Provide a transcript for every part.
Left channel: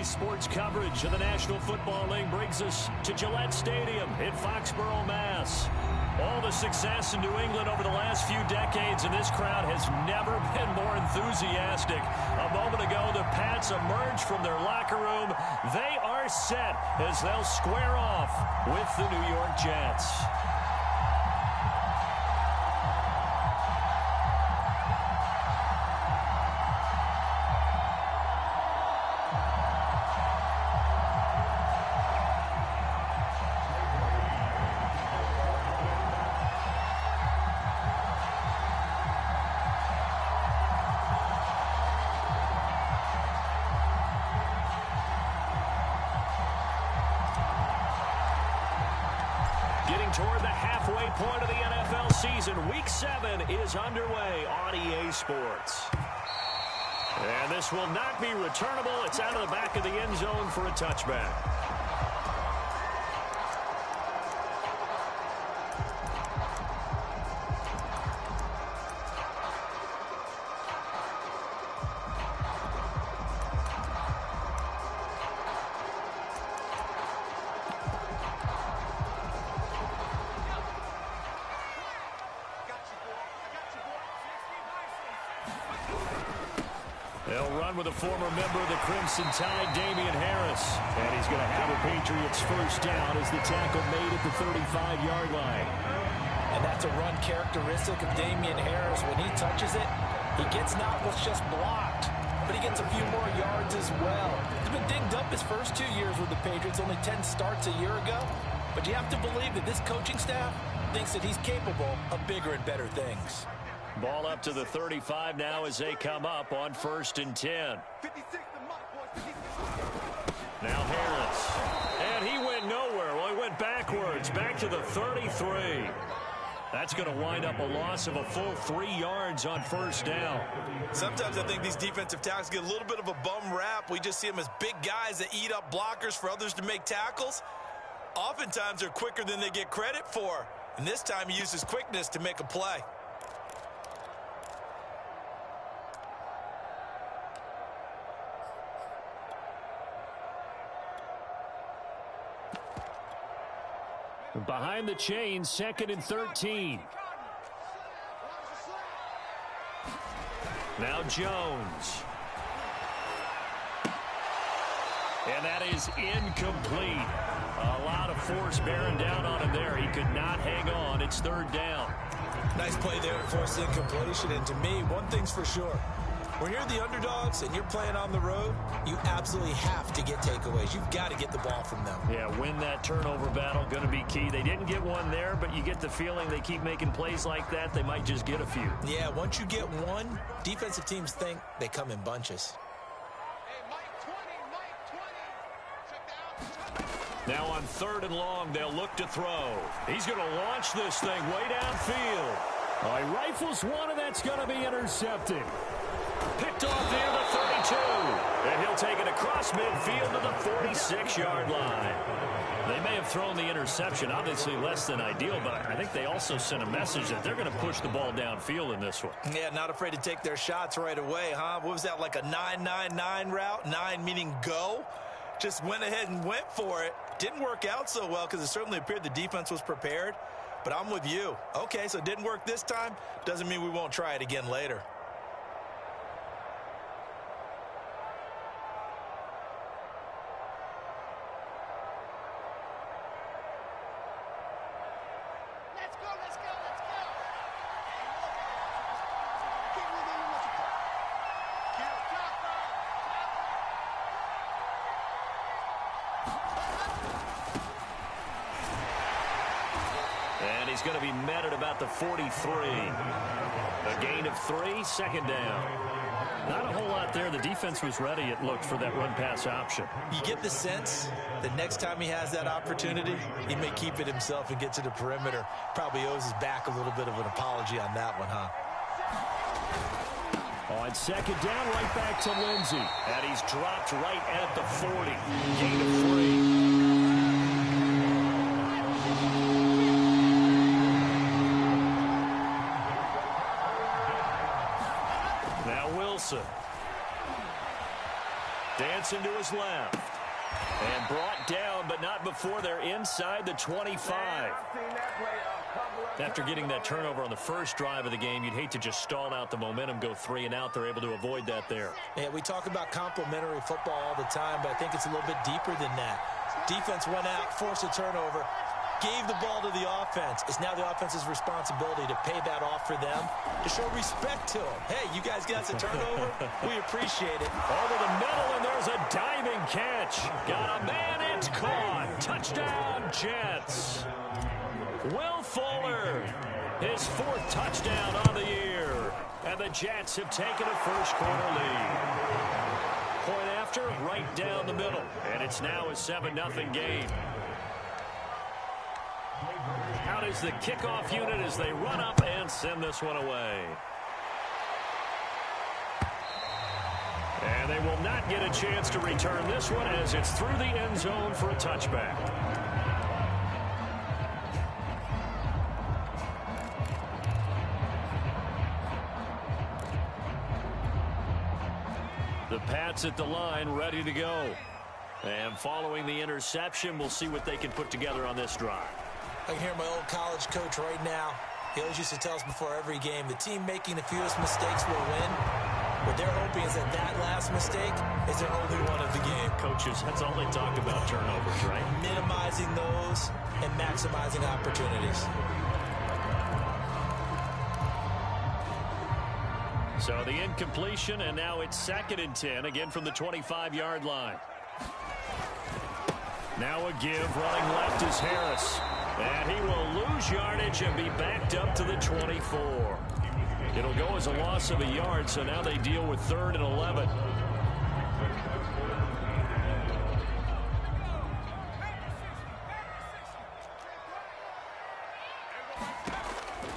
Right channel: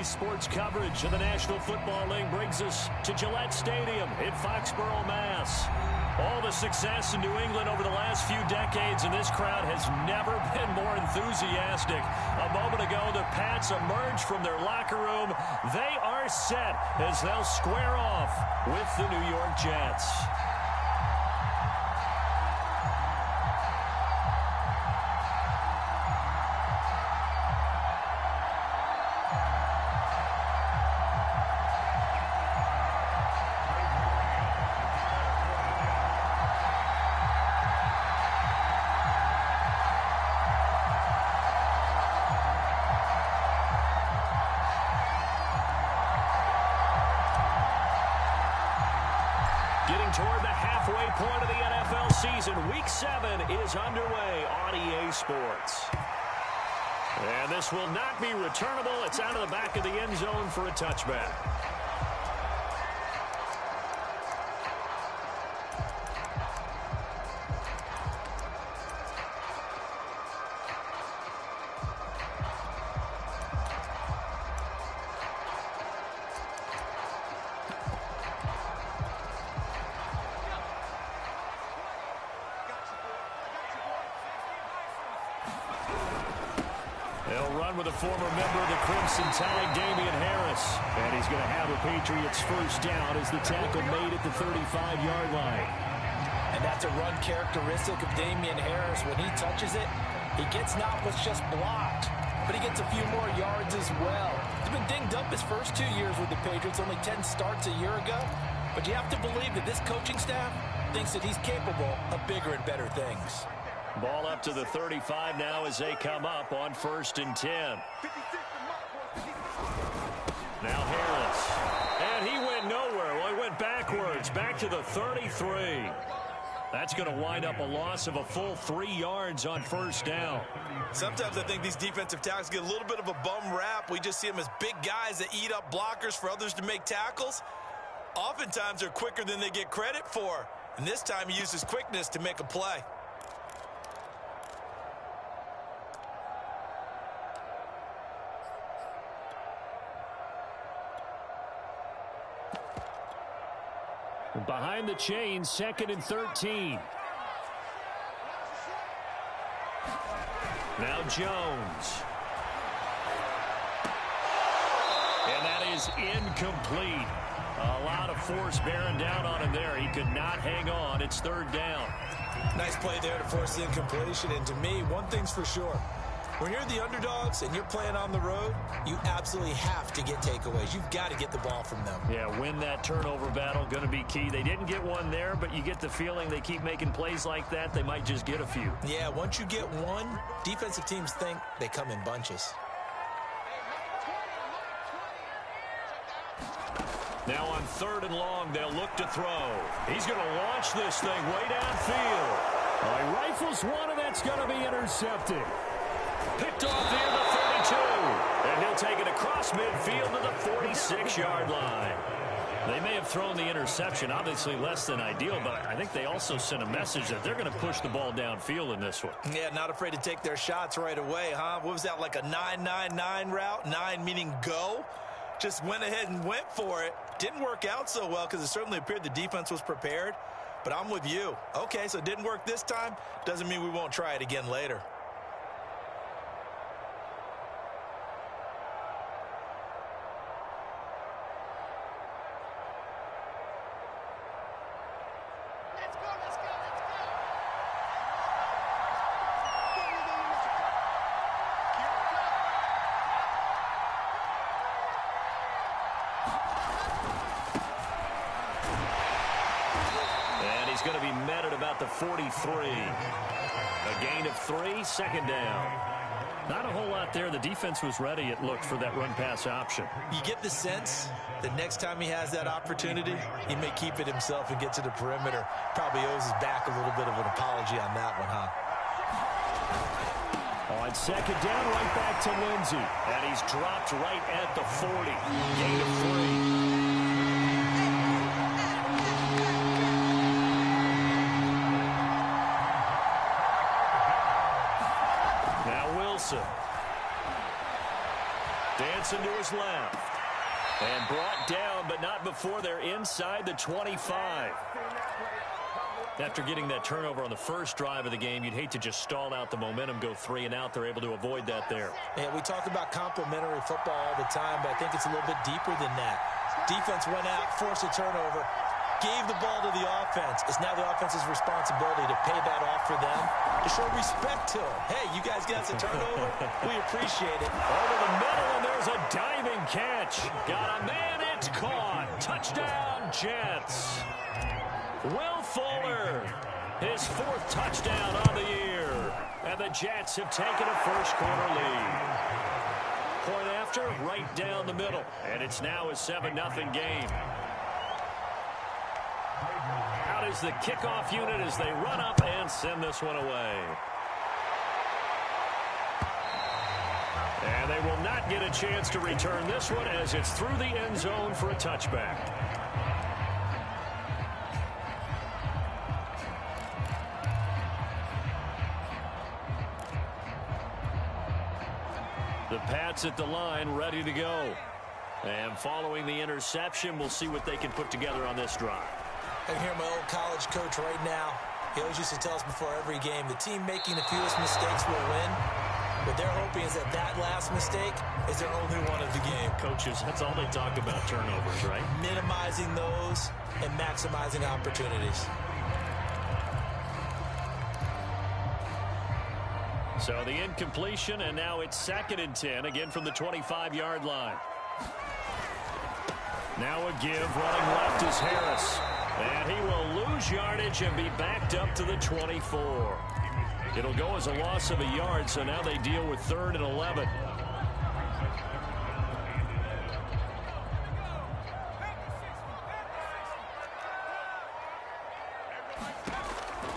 Today's sports coverage of the National Football League brings us to Gillette Stadium in Foxborough, Mass. All the success in New England over the last few decades, and this crowd has never been more enthusiastic. A moment ago, the Pats emerged from their locker room. They are set as they'll square off with the New York Jets. Getting toward the halfway point of the NFL season, Week 7 is underway on EA Sports. And this will not be returnable. It's out of the back of the end zone for a touchback. They'll run with a former member of the Crimson Tide, Damian Harris. And he's going to have a Patriots first down as the tackle made at the 35-yard line. And that's a run characteristic of Damian Harris. When he touches it, he gets not what's just blocked, but he gets a few more yards as well. He's been dinged up his first 2 years with the Patriots, only 10 starts a year ago. But you have to believe that this coaching staff thinks that he's capable of bigger and better things. Ball up to the 35 now as they come up on 1st and 10. Now Harris. And he went nowhere. Well, he went backwards, back to the 33. That's going to wind up a loss of a full 3 yards on 1st down. Sometimes I think these defensive tackles get a little bit of a bum rap. We just see them as big guys that eat up blockers for others to make tackles. Oftentimes they're quicker than they get credit for. And this time he uses quickness to make a play. Behind the chains, 2nd and 13. Now Jones. And that is incomplete. A lot of force bearing down on him there. He could not hang on. It's 3rd down. Nice play there to force the incompletion. And to me, one thing's for sure. When you're the underdogs and you're playing on the road, you absolutely have to get takeaways. You've got to get the ball from them. Yeah, win that turnover battle, going to be key. They didn't get one there, but you get the feeling they keep making plays like that, they might just get a few. Yeah, once you get one, defensive teams think they come in bunches. Now on 3rd and long, they'll look to throw. He's going to launch this thing way downfield. He rifles one, and that's going to be intercepted. Picked off near the 32. And he'll take it across midfield to the 46-yard line. They may have thrown the interception, obviously less than ideal, but I think they also sent a message that they're going to push the ball downfield in this one. Yeah, not afraid to take their shots right away, huh? What was that, like a 9-9-9 route? 9 meaning go? Just went ahead and went for it. Didn't work out so well because it certainly appeared the defense was prepared. But I'm with you. Okay, so it didn't work this time. Doesn't mean we won't try it again later. And he's going to be met at about the 43. A gain of 3, 2nd down. Not a whole lot there. The defense was ready, it looked, for that run-pass option. You get the sense that next time he has that opportunity, he may keep it himself and get to the perimeter. Probably owes his back a little bit of an apology on that one, huh? On 2nd down, right back to Lindsey. And he's dropped right at the 40. Gain of 3. Dancing to his left. And brought down, but not before they're inside the 25. After getting that turnover on the first drive of the game, you'd hate to just stall out the momentum, go 3 and out. They're able to avoid that there. Yeah, we talk about complementary football all the time, but I think it's a little bit deeper than that. Defense went out, forced a turnover, gave the ball to the offense. It's now the offense's responsibility to pay that off for them, to show respect to them. Hey, you guys got us a turnover? We appreciate it. Over the middle, and there's a diving catch. Got a man, it's caught. Touchdown, Jets. Will Fuller, his 4th touchdown on the year. And the Jets have taken a first-quarter lead. Point after, right down the middle. And it's now a 7-0 game. Out is the kickoff unit as they run up and send this one away. And they will not get a chance to return this one as it's through the end zone for a touchback. The Pats at the line, ready to go. And following the interception, we'll see what they can put together on this drive. I can hear my old college coach right now. He always used to tell us before every game, the team making the fewest mistakes will win. What they're hoping is that last mistake is their only one of the game. Coaches, that's all they talk about, turnovers, right? Minimizing those and maximizing opportunities. So the incompletion, and now it's 2nd and 10, again from the 25-yard line. Now a give, running left is Harris. And he will lose yardage and be backed up to the 24. It'll go as a loss of a yard, so now they deal with 3rd and 11.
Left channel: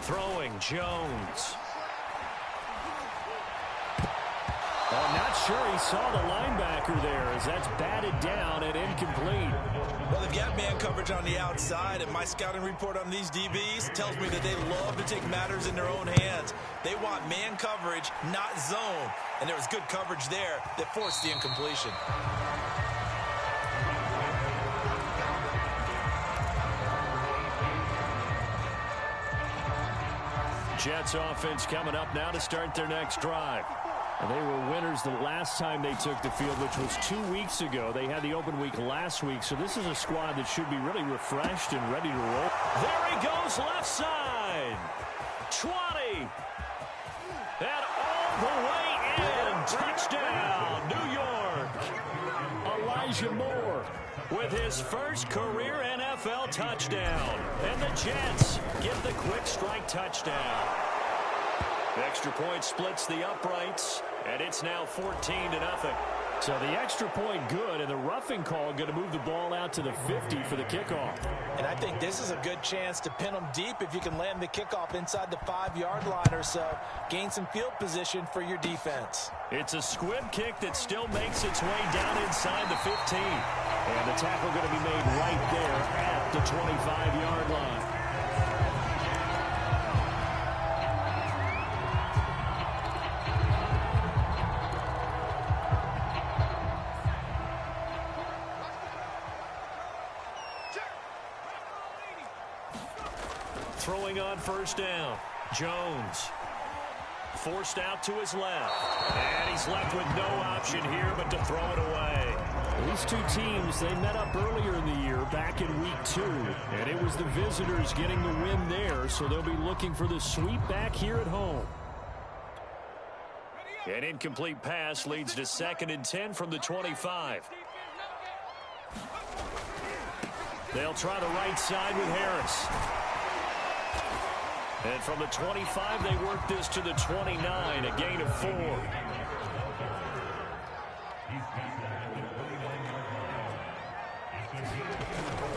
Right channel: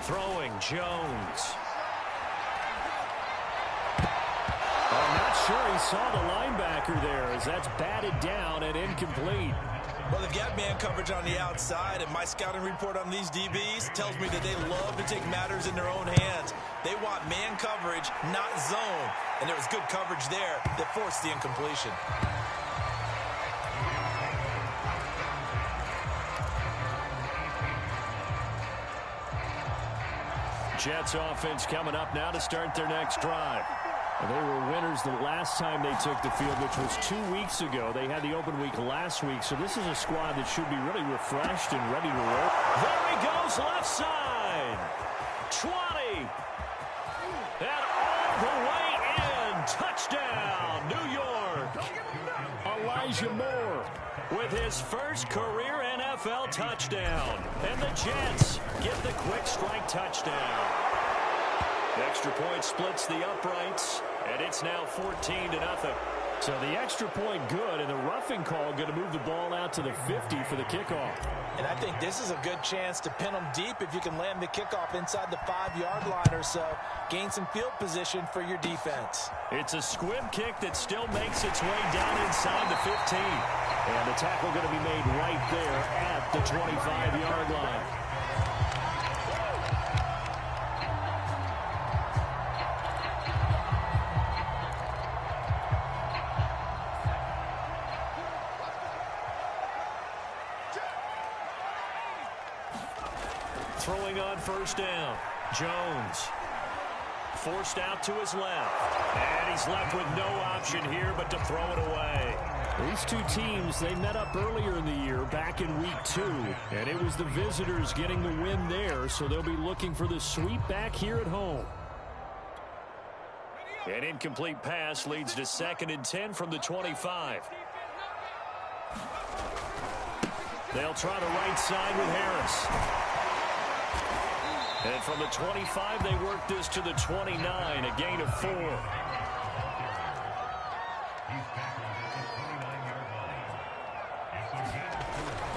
Throwing, Jones. I'm not sure he saw the linebacker there as that's batted down and incomplete. Well, they've got man coverage on the outside, and my scouting report on these DBs tells me that they love to take matters in their own hands. They want man coverage, not zone. And there was good coverage there that forced the incompletion. Jets offense coming up now to start their next drive. They were winners the last time they took the field, which was 2 weeks ago. They had the open week last week, so this is a squad that should be really refreshed and ready to roll. There he goes, left side. 20. And all the way in. Touchdown, New York. Elijah Moore with his first career NFL touchdown. And the Jets get the quick strike touchdown. The extra point splits the uprights, and it's now 14-0. So the extra point good, and the roughing call going to move the ball out to the 50 for the kickoff. And I think this is a good chance to pin them deep if you can land the kickoff inside the 5-yard line or so. Gain some field position for your defense. It's a squib kick that still makes its way down inside the 15. And the tackle going to be made right there at the 25-yard line. Throwing on first down. Jones forced out to his left. And he's left with no option here but to throw it away. These two teams, they met up earlier in the year back in week 2. And it was the visitors getting the win there, so they'll be looking for the sweep back here at home. An incomplete pass leads to 2nd and 10 from the 25. They'll try the right side with Harris. And from the 25, they work this to the 29, a gain of 4.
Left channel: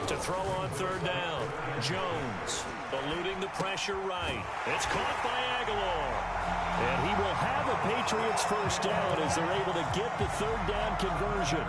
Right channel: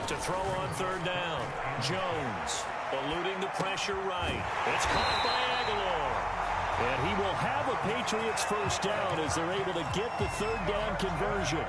To throw on third down, Jones eluding the pressure right. It's caught by Aguilar. And he will have a Patriots first down as they're able to get the third down conversion.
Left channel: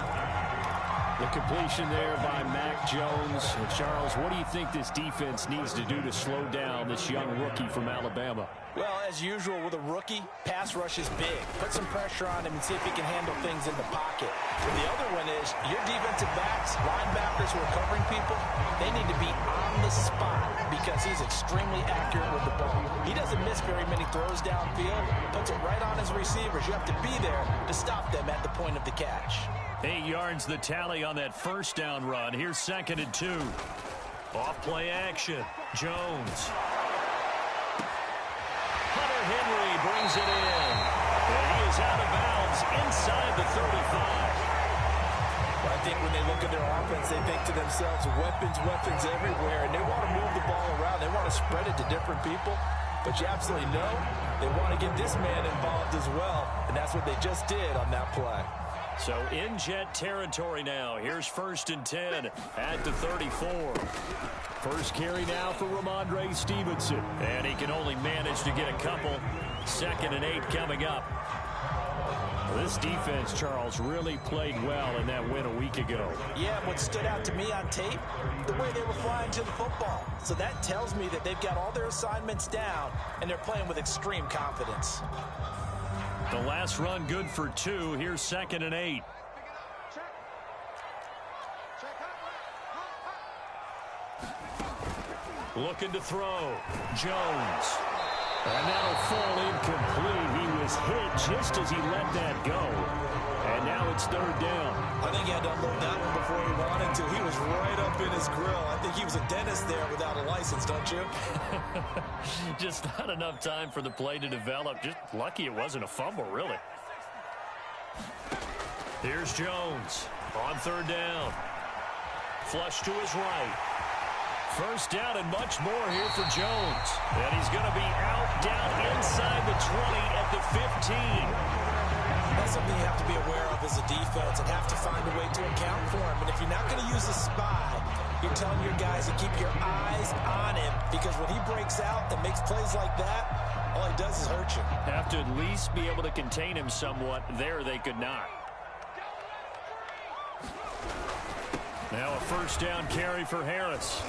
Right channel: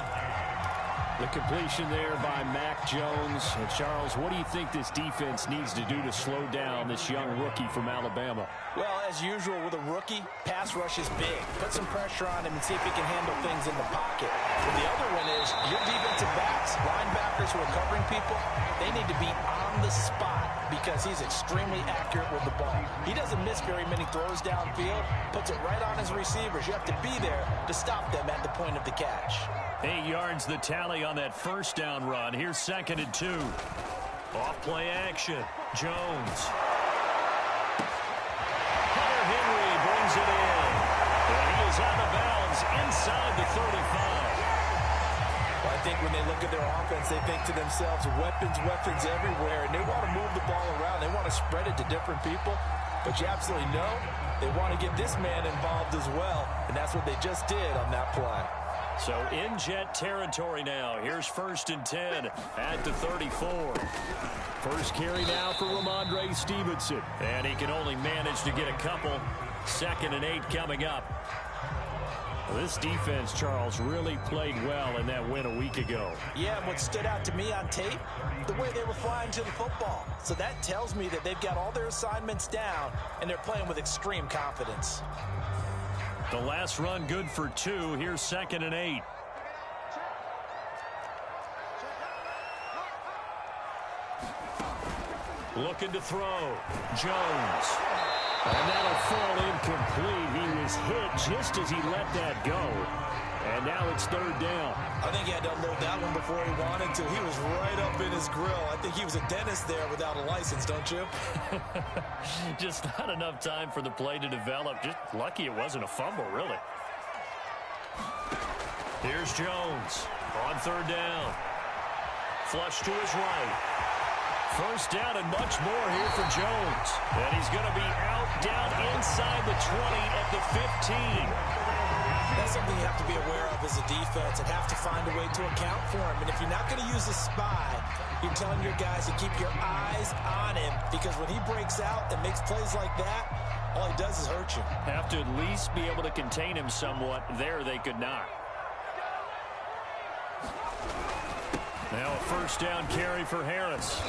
The completion there by Mac Jones. And Charles, what do you think this defense needs to do to slow down this young rookie from Alabama? Well, as usual with a rookie, pass rush is big. Put some pressure on him and see if he can handle things in the pocket. But the other one is your defensive backs, linebackers who are covering people, they need to be on the spot because he's extremely accurate with the ball. He doesn't miss very many throws downfield, puts it right on his receivers. You have to be there to stop them at the point of the catch. 8 yards the tally on that first down run. Here's 2nd and 2. Off play action. Jones. Hunter Henry brings it in. And he is out of bounds inside the 35. Well, I think when they look at their offense, they think to themselves, weapons everywhere, and they want to move the ball around. They want to spread it to different people. But you absolutely know they want to get this man involved as well, and that's what they just did on that play. So in Jet territory now. Here's 1st and 10 at the 34. First carry now for Ramondre Stevenson. And he can only manage to get a couple. 2nd and 8 coming up. Well, this defense, Charles, really played well in that win a week ago. Yeah, what stood out to me on tape, the way they were flying to the football. So that tells me that they've got all their assignments down, and they're playing with extreme confidence. The last run good for 2. Here's 2nd and 8. Looking to throw. Jones. And that'll fall incomplete. He was hit just as he let that go. And now it's 3rd down. I think he had to unload that one before he wanted to. He was right up in his grill. I think he was a dentist there without a license, don't you? Just not enough time for the play to develop. Just lucky it wasn't a fumble, really. Here's Jones on 3rd down. Flush to his right. 1st down and much more here for Jones. And he's going to be out down inside the 20 at the 15. That's something you have to be aware of as a defense and have to find a way to account for him. And if you're not going to use a spy, you're telling your guys to keep your eyes on him, because when he breaks out and makes plays like that, all he does is hurt you. Have to at least be able to contain him somewhat. There they could not. Now a 1st down carry for Harris.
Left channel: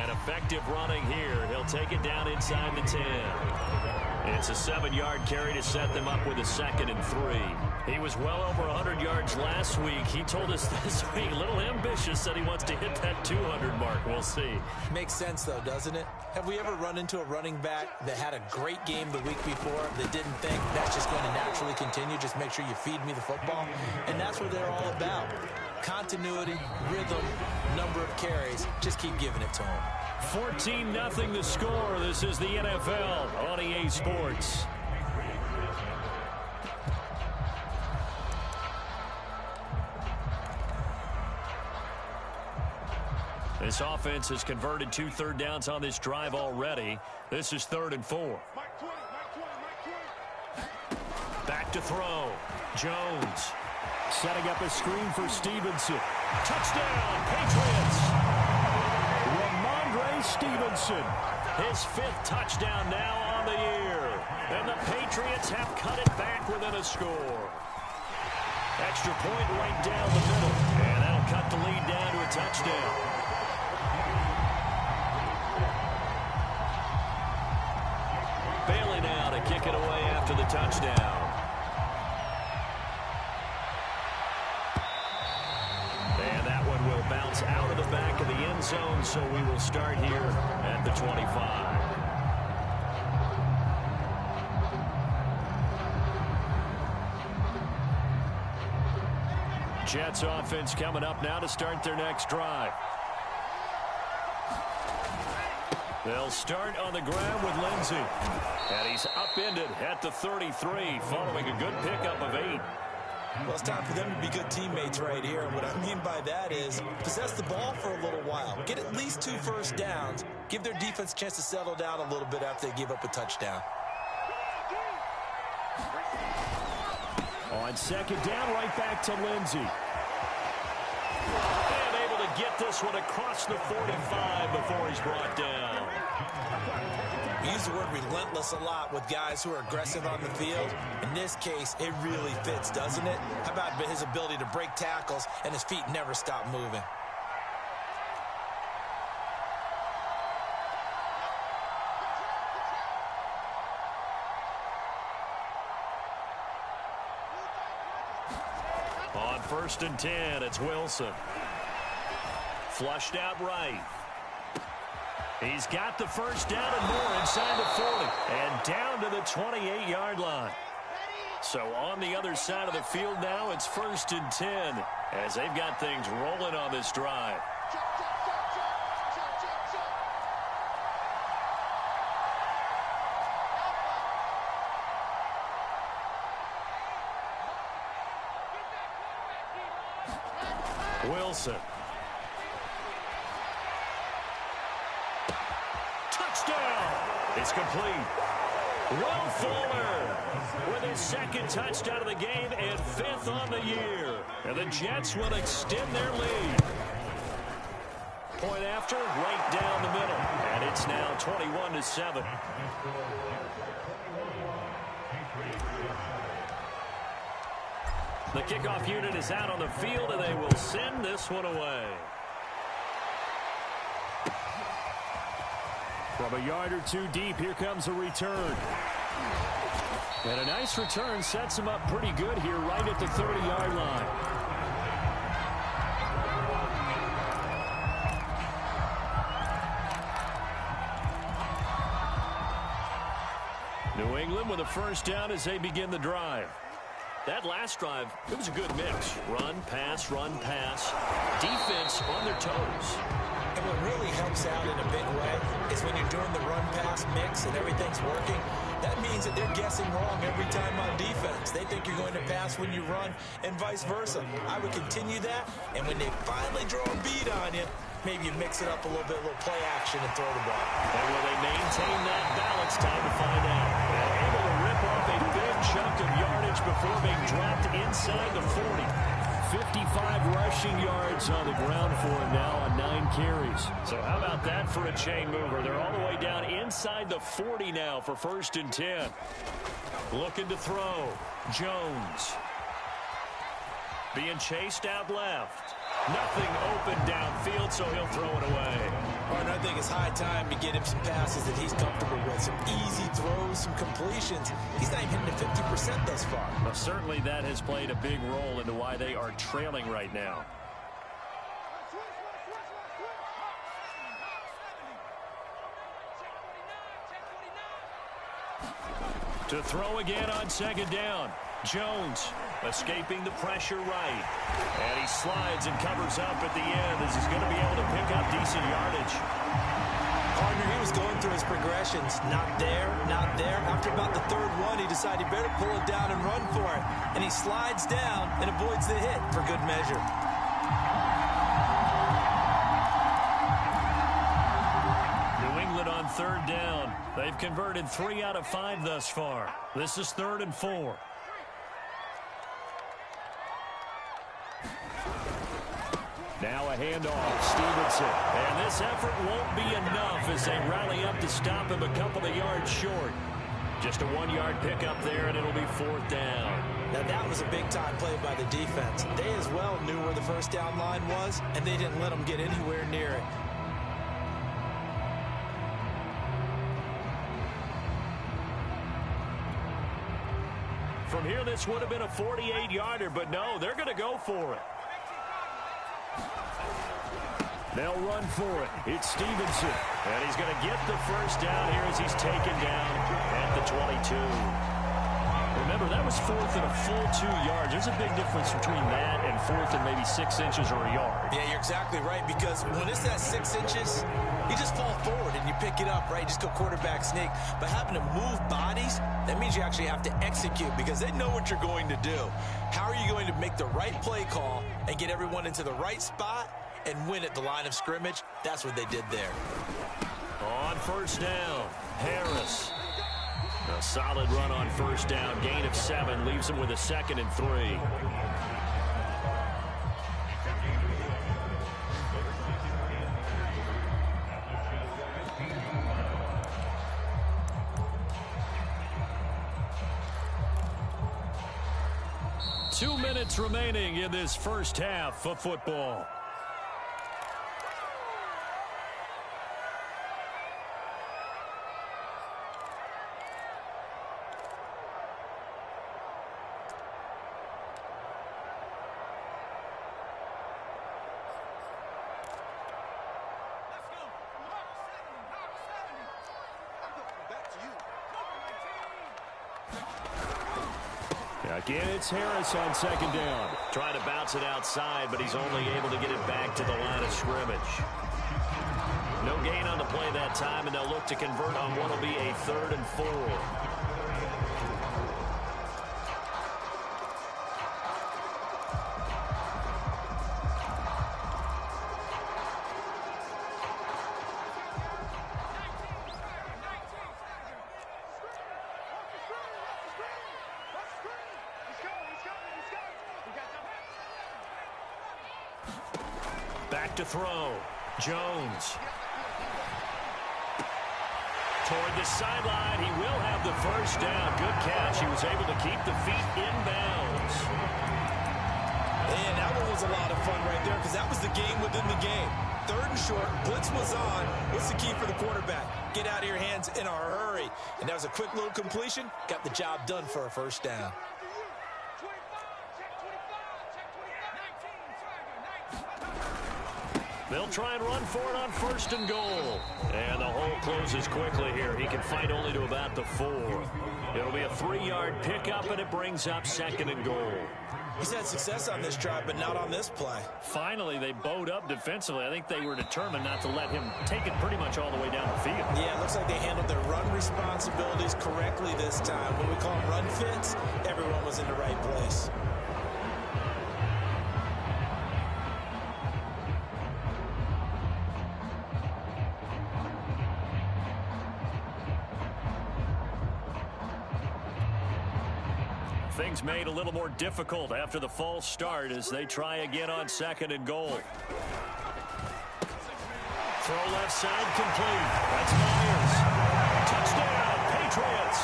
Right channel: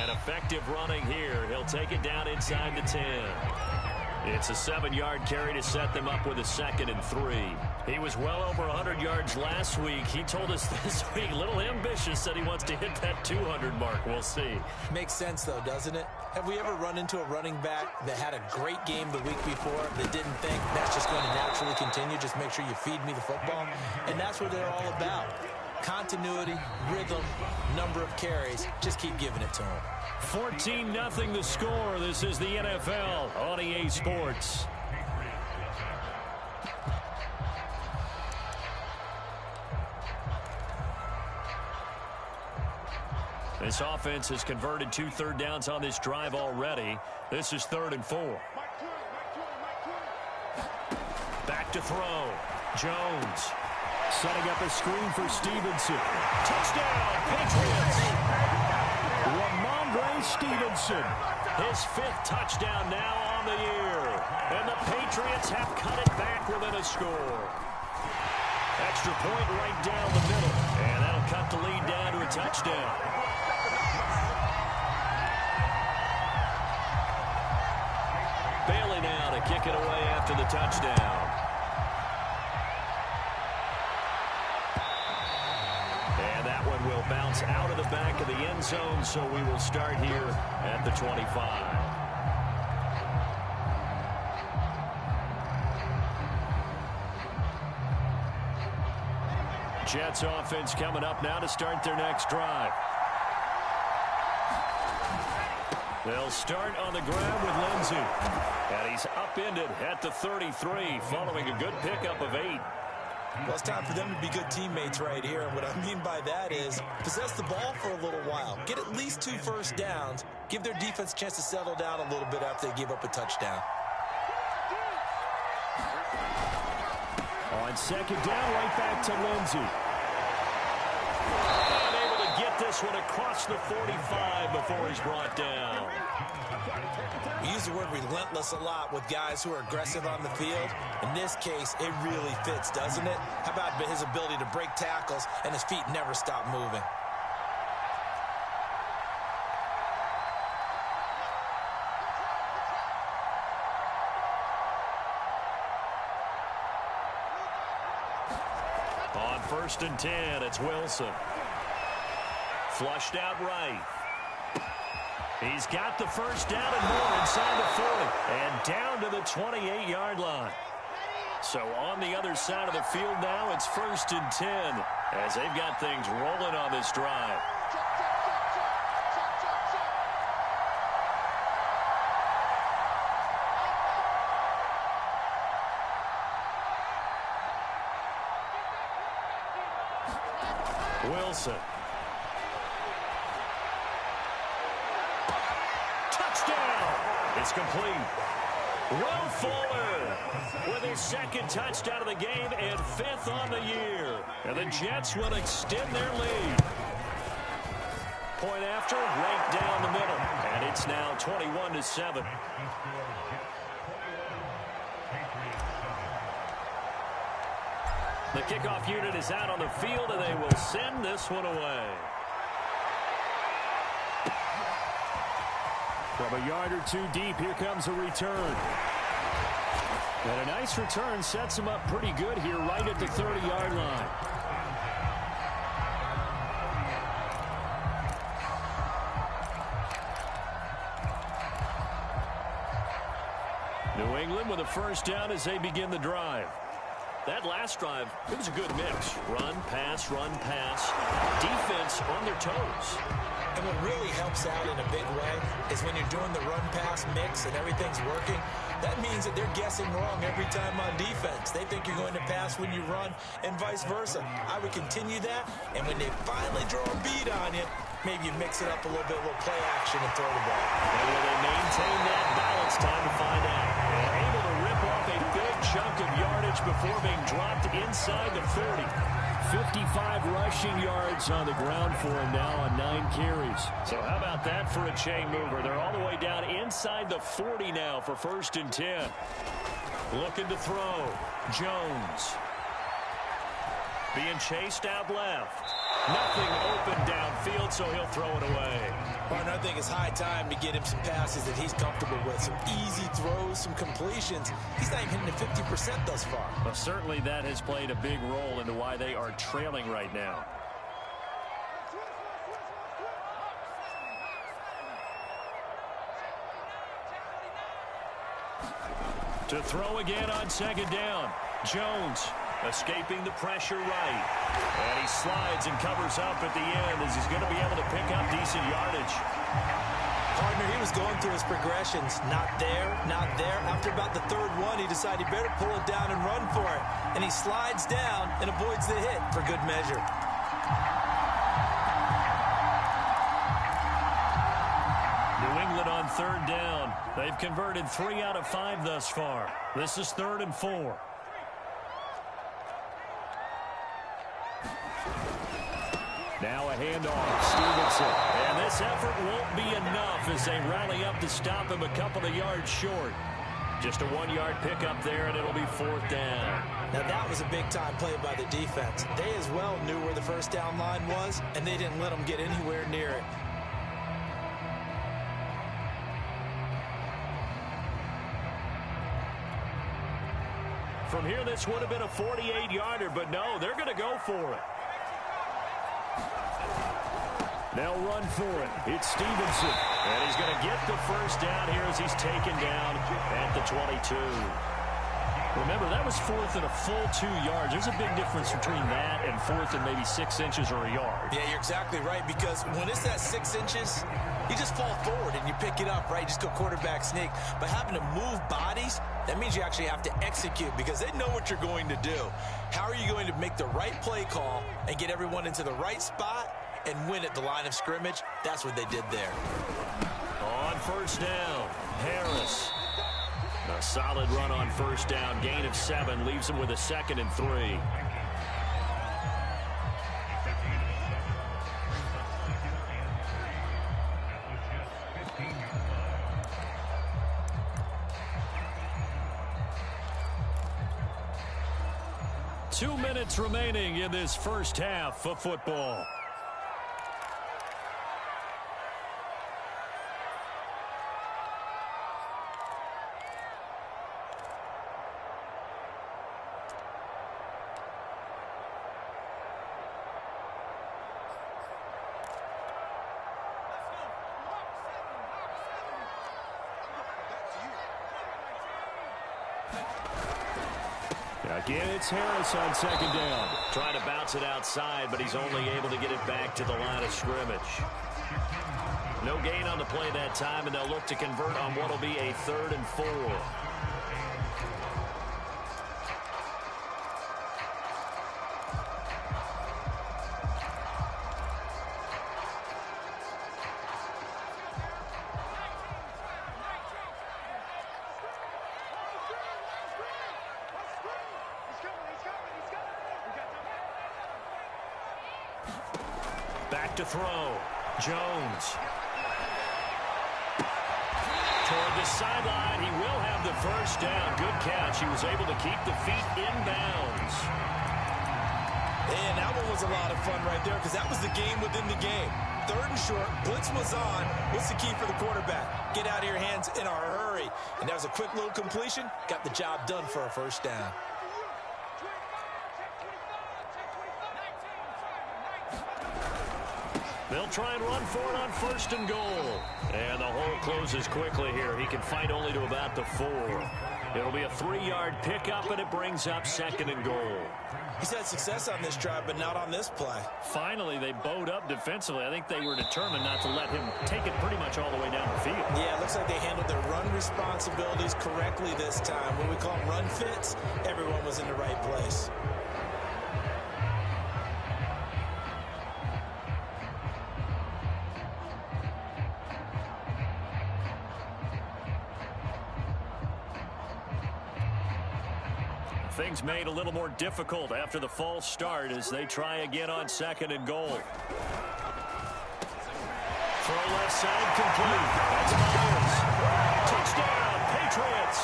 And effective running here. He'll take it down inside the 10. It's a 7-yard carry to set them up with a 2nd and 3. He was well over 100 yards last week. He told us this week, a little ambitious, said he wants to hit that 200 mark. We'll see. Makes sense, though, doesn't it? Have we ever run into a running back that had a great game the week before that didn't think that's just going to naturally continue? Just make sure you feed me the football. And that's what they're all about. Continuity, rhythm, number of carries. Just keep giving it to him. 14-0 the score. This is the NFL on EA Sports. This offense has converted 2 third downs on this drive already. This is 3rd and 4. Back to throw. Jones setting up a screen for Stevenson. Touchdown, Patriots. Ramondre Stevenson, his 5th touchdown now on the year. And the Patriots have cut it back within a score. Extra point right down the middle. And that'll cut the lead down to a touchdown. Bailey now to kick it away after the touchdown. And that one will bounce out of the back of the end zone, so we will start here at the 25. Jets offense coming up now to start their next drive. They'll start on the ground with Lindsey. And he's upended at the 33 following a good pickup of 8. Well, it's time for them to be good teammates right here. And what I mean by that is possess the ball for a little while. Get at least 2 first downs. Give their defense a chance to settle down a little bit after they give up a touchdown. On 2nd down, right back to Lindsey. And able to get get this one across the 45 before he's brought down. We use the word relentless a lot with guys who are aggressive on the field. In this case, it really fits, doesn't it? How about his ability to break tackles and his feet never stop moving? On 1st and 10, it's Wilson. Flushed out right. He's got the first down and more inside the 40 and down to the 28-yard line. So on the other side of the field now, it's 1st and 10 as they've got things rolling on this drive. Wilson. Touchdown. It's complete. Will Fuller with his second touchdown of the game and 5th on the year. And the Jets will extend their lead. Point after, right down the middle. And it's now 21-7. The kickoff unit is out on the field, and they will send this one away. From a yard or two deep, here comes a return. And a nice return sets him up pretty good here right at the 30-yard line. New England with a first down as they begin the drive. That last drive, it was a good mix. Run, pass, defense on their toes. And what really helps out in a big way is when you're doing the run-pass mix and everything's working, that means that they're guessing wrong every time on defense. They think you're going to pass when you run and vice versa. I would continue that, and when they finally draw a beat on you, maybe you mix it up a little bit, a little play action and throw the ball. And will they maintain that balance? Time to find out. And able to rip off a big chunk of yardage before being dropped inside the 40. 55 rushing yards on the ground for him now on 9 carries. So how about that for a chain mover? They're all the way down inside the 40 now for 1st and 10. Looking to throw. Jones. Being chased out left. Nothing open downfield, so he'll throw it away. And I think it's high time to get him some passes that he's comfortable with. Some easy throws, some completions. He's not even hitting the 50% thus far. Well, certainly that has played a big role into why they are trailing right now. To throw again on 2nd down. Jones escaping the pressure right. And he slides and covers up at the end as he's going to be able to pick up decent yardage. Partner, he was going through his progressions. Not there, not there. After about the 3rd one, he decided he better pull it down and run for it. And he slides down and avoids the hit for good measure. New England on 3rd down. They've converted 3 out of 5 thus far. This is 3rd and 4. Now a handoff, Stevenson. And this effort won't be enough as they rally up to stop him a couple of yards short. Just a 1-yard pickup there, and it'll be 4th down. Now that was a big-time play by the defense. They as well knew where the first down line was, and they didn't let them get anywhere near it. From here, this would have been a 48-yarder, but no, they're going to go for it. They'll run for it. It's Stevenson. And he's going to get the first down here as he's taken down at the 22. Remember, that was 4th and a full 2 yards. There's a big difference between that and 4th and maybe 6 inches or a yard. Yeah, you're exactly right, because when it's that 6 inches, you just fall forward and you pick it up, right? Just go quarterback sneak. But having to move bodies, that means you actually have to execute because they know what you're going to do. How are you going to make the right play call and get everyone into the right spot and win at the line of scrimmage? That's what they did there. On 1st down, Harris. A solid run on 1st down. Gain of 7 leaves him with a 2nd and 3. 2 minutes remaining in this first half of football. Again, it's Harris on second down. Trying to bounce it outside, but he's only able to get it back to the line of scrimmage. No gain on the play that time, and they'll look to convert on what will be a 3rd and 4. Back to throw. Jones. Toward the sideline. He will have the first down. Good catch. He was able to keep the feet in bounds. And that one was a lot of fun right there because that was the game within the game. 3rd and short. Blitz was on. What's the key for the quarterback? Get out of your hands in a hurry. And that was a quick little completion. Got the job done for a first down. They'll try and run for it on 1st and goal. And the hole closes quickly here. He can fight only to about the 4. It'll be a 3-yard pickup, and it brings up 2nd and goal. He's had success on this drive, but not on this play. Finally, they bowed up defensively. I think they were determined not to let him take it pretty much all the way down the field. Yeah, it looks like they handled their run responsibilities correctly this time. When we call them run fits, everyone was in the right place. Things made a little more difficult after the false start as they try again on 2nd and goal. Throw left side complete. That's Myers. Touchdown, Patriots.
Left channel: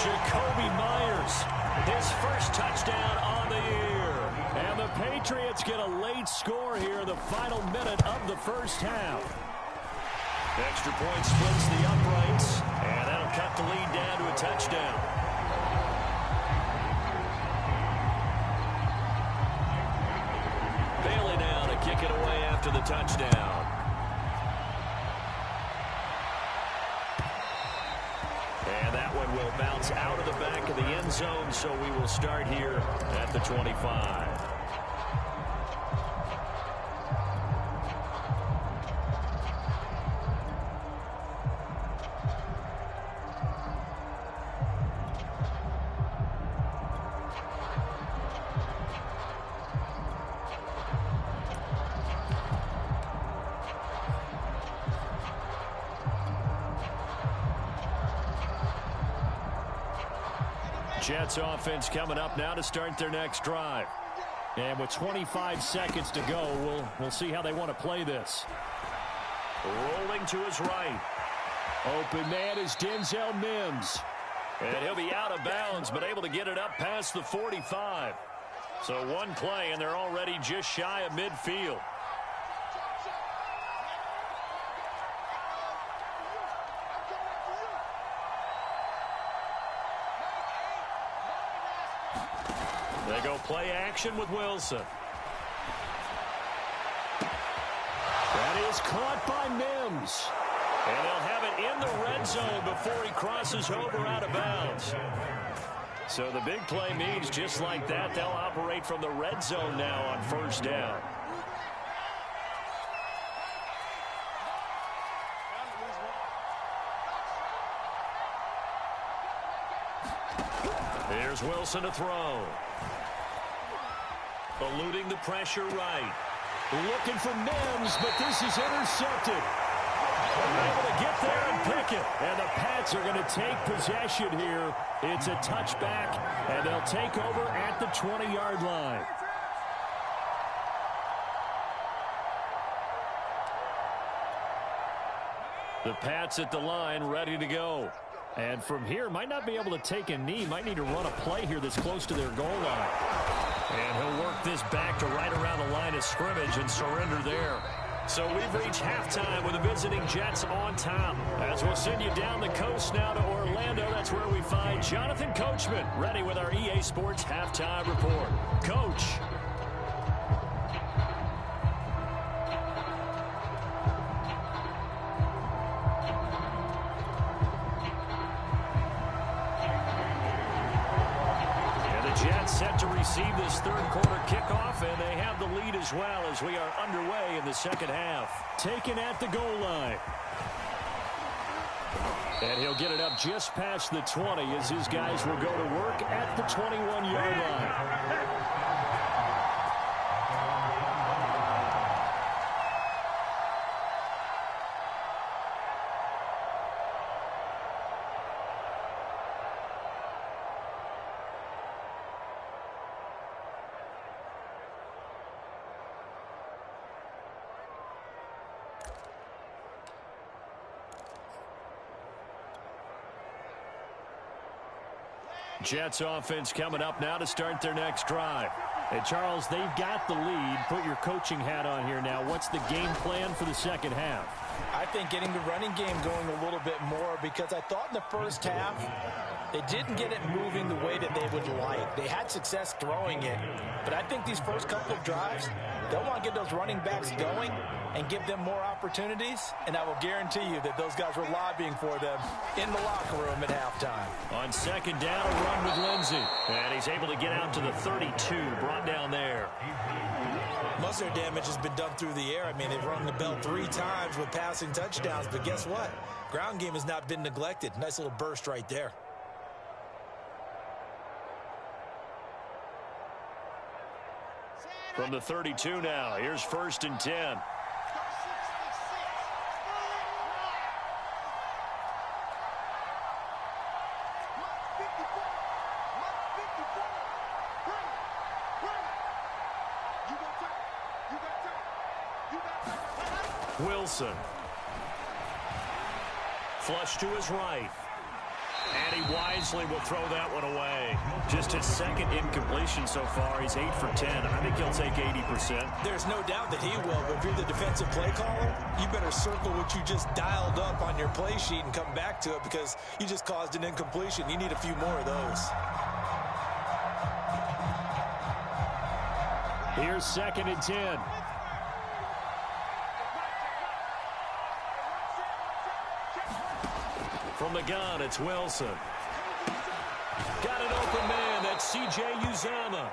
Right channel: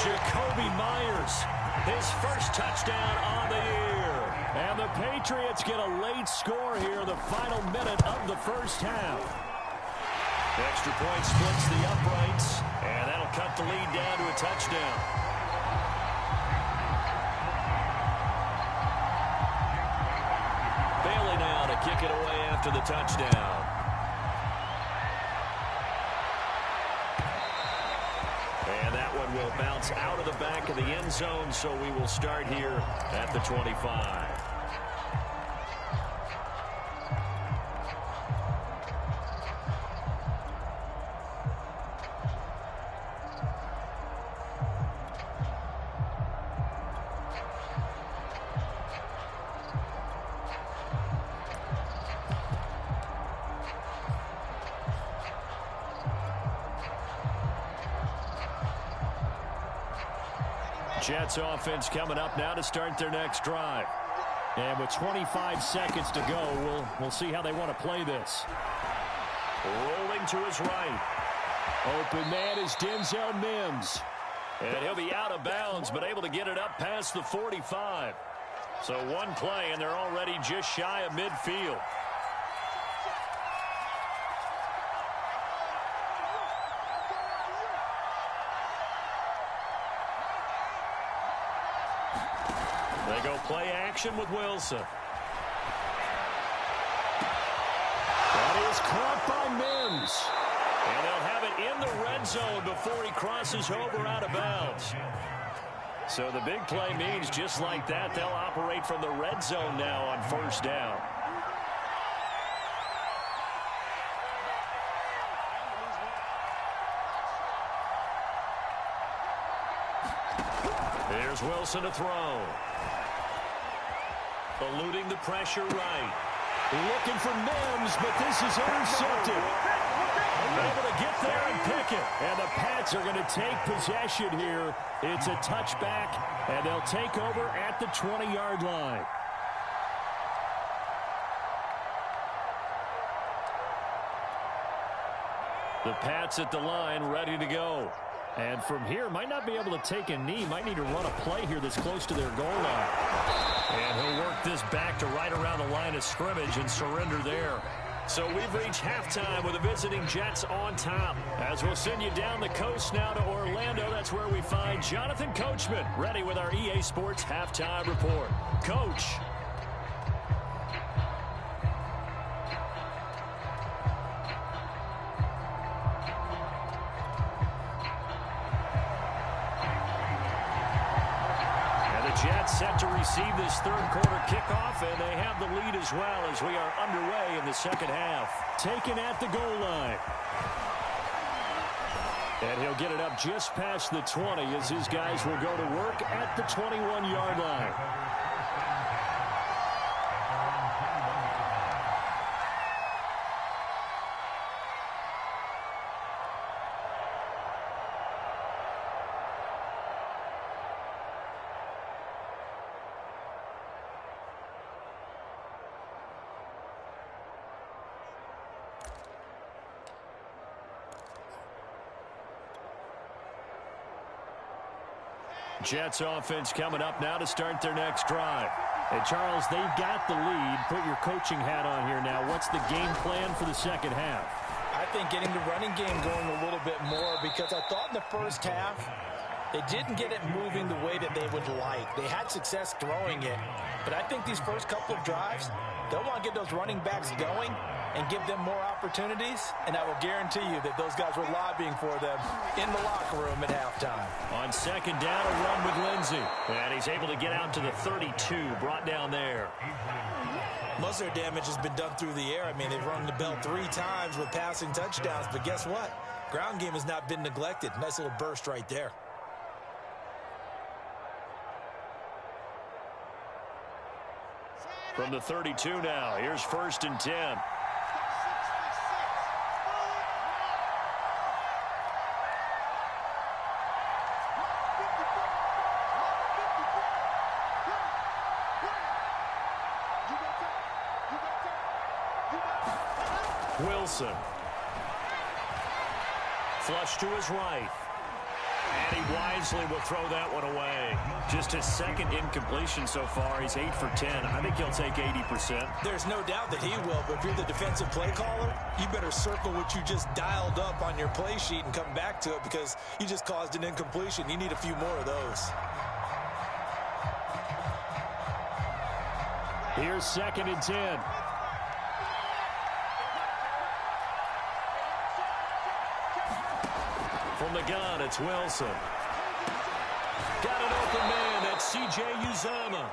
Jakobi Meyers, his first touchdown on the year. And the Patriots get a late score here in the final minute of the first half. Extra point splits the uprights, and that'll cut the lead down to a touchdown. Bailey now to kick it away after the touchdown. And that one will bounce out of the back of the end zone, so we will start here at the 25. Jets offense coming up now to start their next drive. And with 25 seconds to go, we'll see how they want to play this. Rolling to his right. Open man is Denzel Mims. And he'll be out of bounds, but able to get it up past the 45. So one play, and they're already just shy of midfield. They go play action with Wilson. That is caught by Mims. And they'll have it in the red zone before he crosses over out of bounds. So the big play means just like that, they'll operate from the red zone now on 1st down. Here's Wilson to throw. Eluding the pressure right. Looking for Mims, but this is intercepted. Able to get there and pick it. And the Pats are going to take possession here. It's a touchback, and they'll take over at the 20-yard line. The Pats at the line, ready to go. And from here, might not be able to take a knee. Might need to run a play here that's close to their goal line. And he'll work this back to right around the line of scrimmage and surrender there. So we've reached halftime with the visiting Jets on top. As we'll send you down the coast now to Orlando, that's where we find Jonathan Coachman, ready with our EA Sports Halftime Report. Coach. Jets set to receive this third quarter kickoff, and they have the lead as well as we are underway in the second half. Taken at the goal line. And he'll get it up just past the 20 as his guys will go to work at the 21-yard line. Jets offense coming up now to start their next drive. Hey, Charles, they've got the lead. Put your coaching hat on here now. What's the game plan for the second half? I think getting the running game going a little bit more, because I thought in the first half they didn't get it moving the way that they would like. They had success throwing it, but I think these first couple of drives, they'll want to get those running backs going and give them more opportunities, and I will guarantee you that those guys were lobbying for them in the locker room at halftime. On second down, a run with Lindsey. And he's able to get out to the 32, brought down there. Most of their damage has been done through the air. I mean, they've rung the bell 3 times with passing touchdowns, but guess what? Ground game has not been neglected. Nice little burst right there. From the 32 now, here's 1st and 10. Wilson. Flush to his right. And he wisely will throw that one away. Just his second incompletion so far. He's 8 for 10. I think he'll take 80%. There's no doubt that he will, but if you're the defensive play caller, you better circle what you just dialed up on your play sheet and come back to it, because you just caused an incompletion. You need a few more of those. Here's 2nd and 10. From the gun, it's Wilson. Got an open man. That's C.J. Uzomah.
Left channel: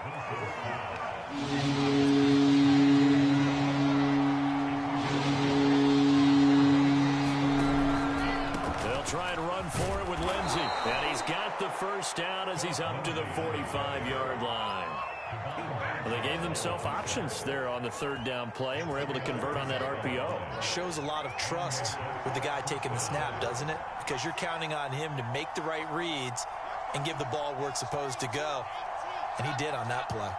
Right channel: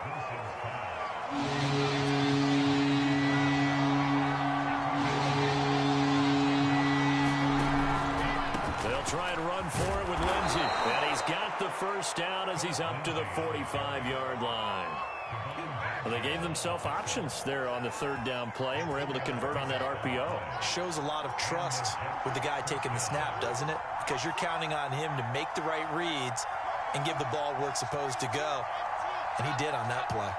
They'll try and run for it with Lindsey. And he's got the first down as he's up to the 45-yard line. Well, they gave themselves options there on the 3rd down play and were able to convert on that RPO. Shows a lot of trust with the guy taking the snap, doesn't it? Because you're counting on him to make the right reads and give the ball where it's supposed to go. And he did on that play.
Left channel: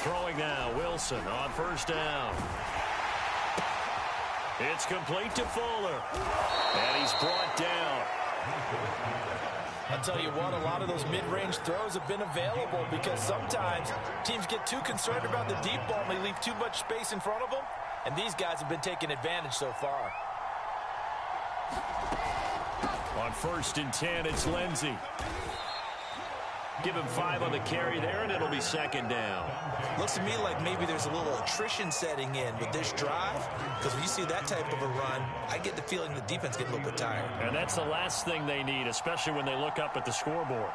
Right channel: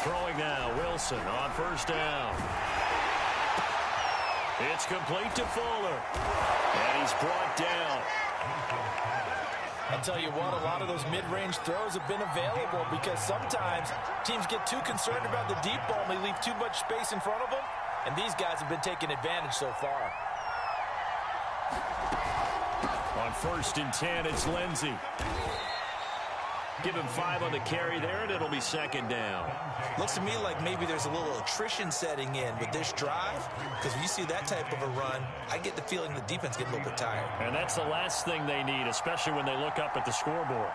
Throwing now, Wilson on 1st down. It's complete to Fuller. And he's brought down. I'll tell you what, a lot of those mid-range throws have been available, because sometimes teams get too concerned about the deep ball and they leave too much space in front of them, and these guys have been taking advantage so far. On 1st and 10, it's Lindsey. Give him 5 on the carry there, and it'll be 2nd down. Looks to me like maybe there's a little attrition setting in with this drive, because when you see that type of a run, I get the feeling the defense gets a little bit tired. And that's the last thing they need, especially when they look up at the scoreboard.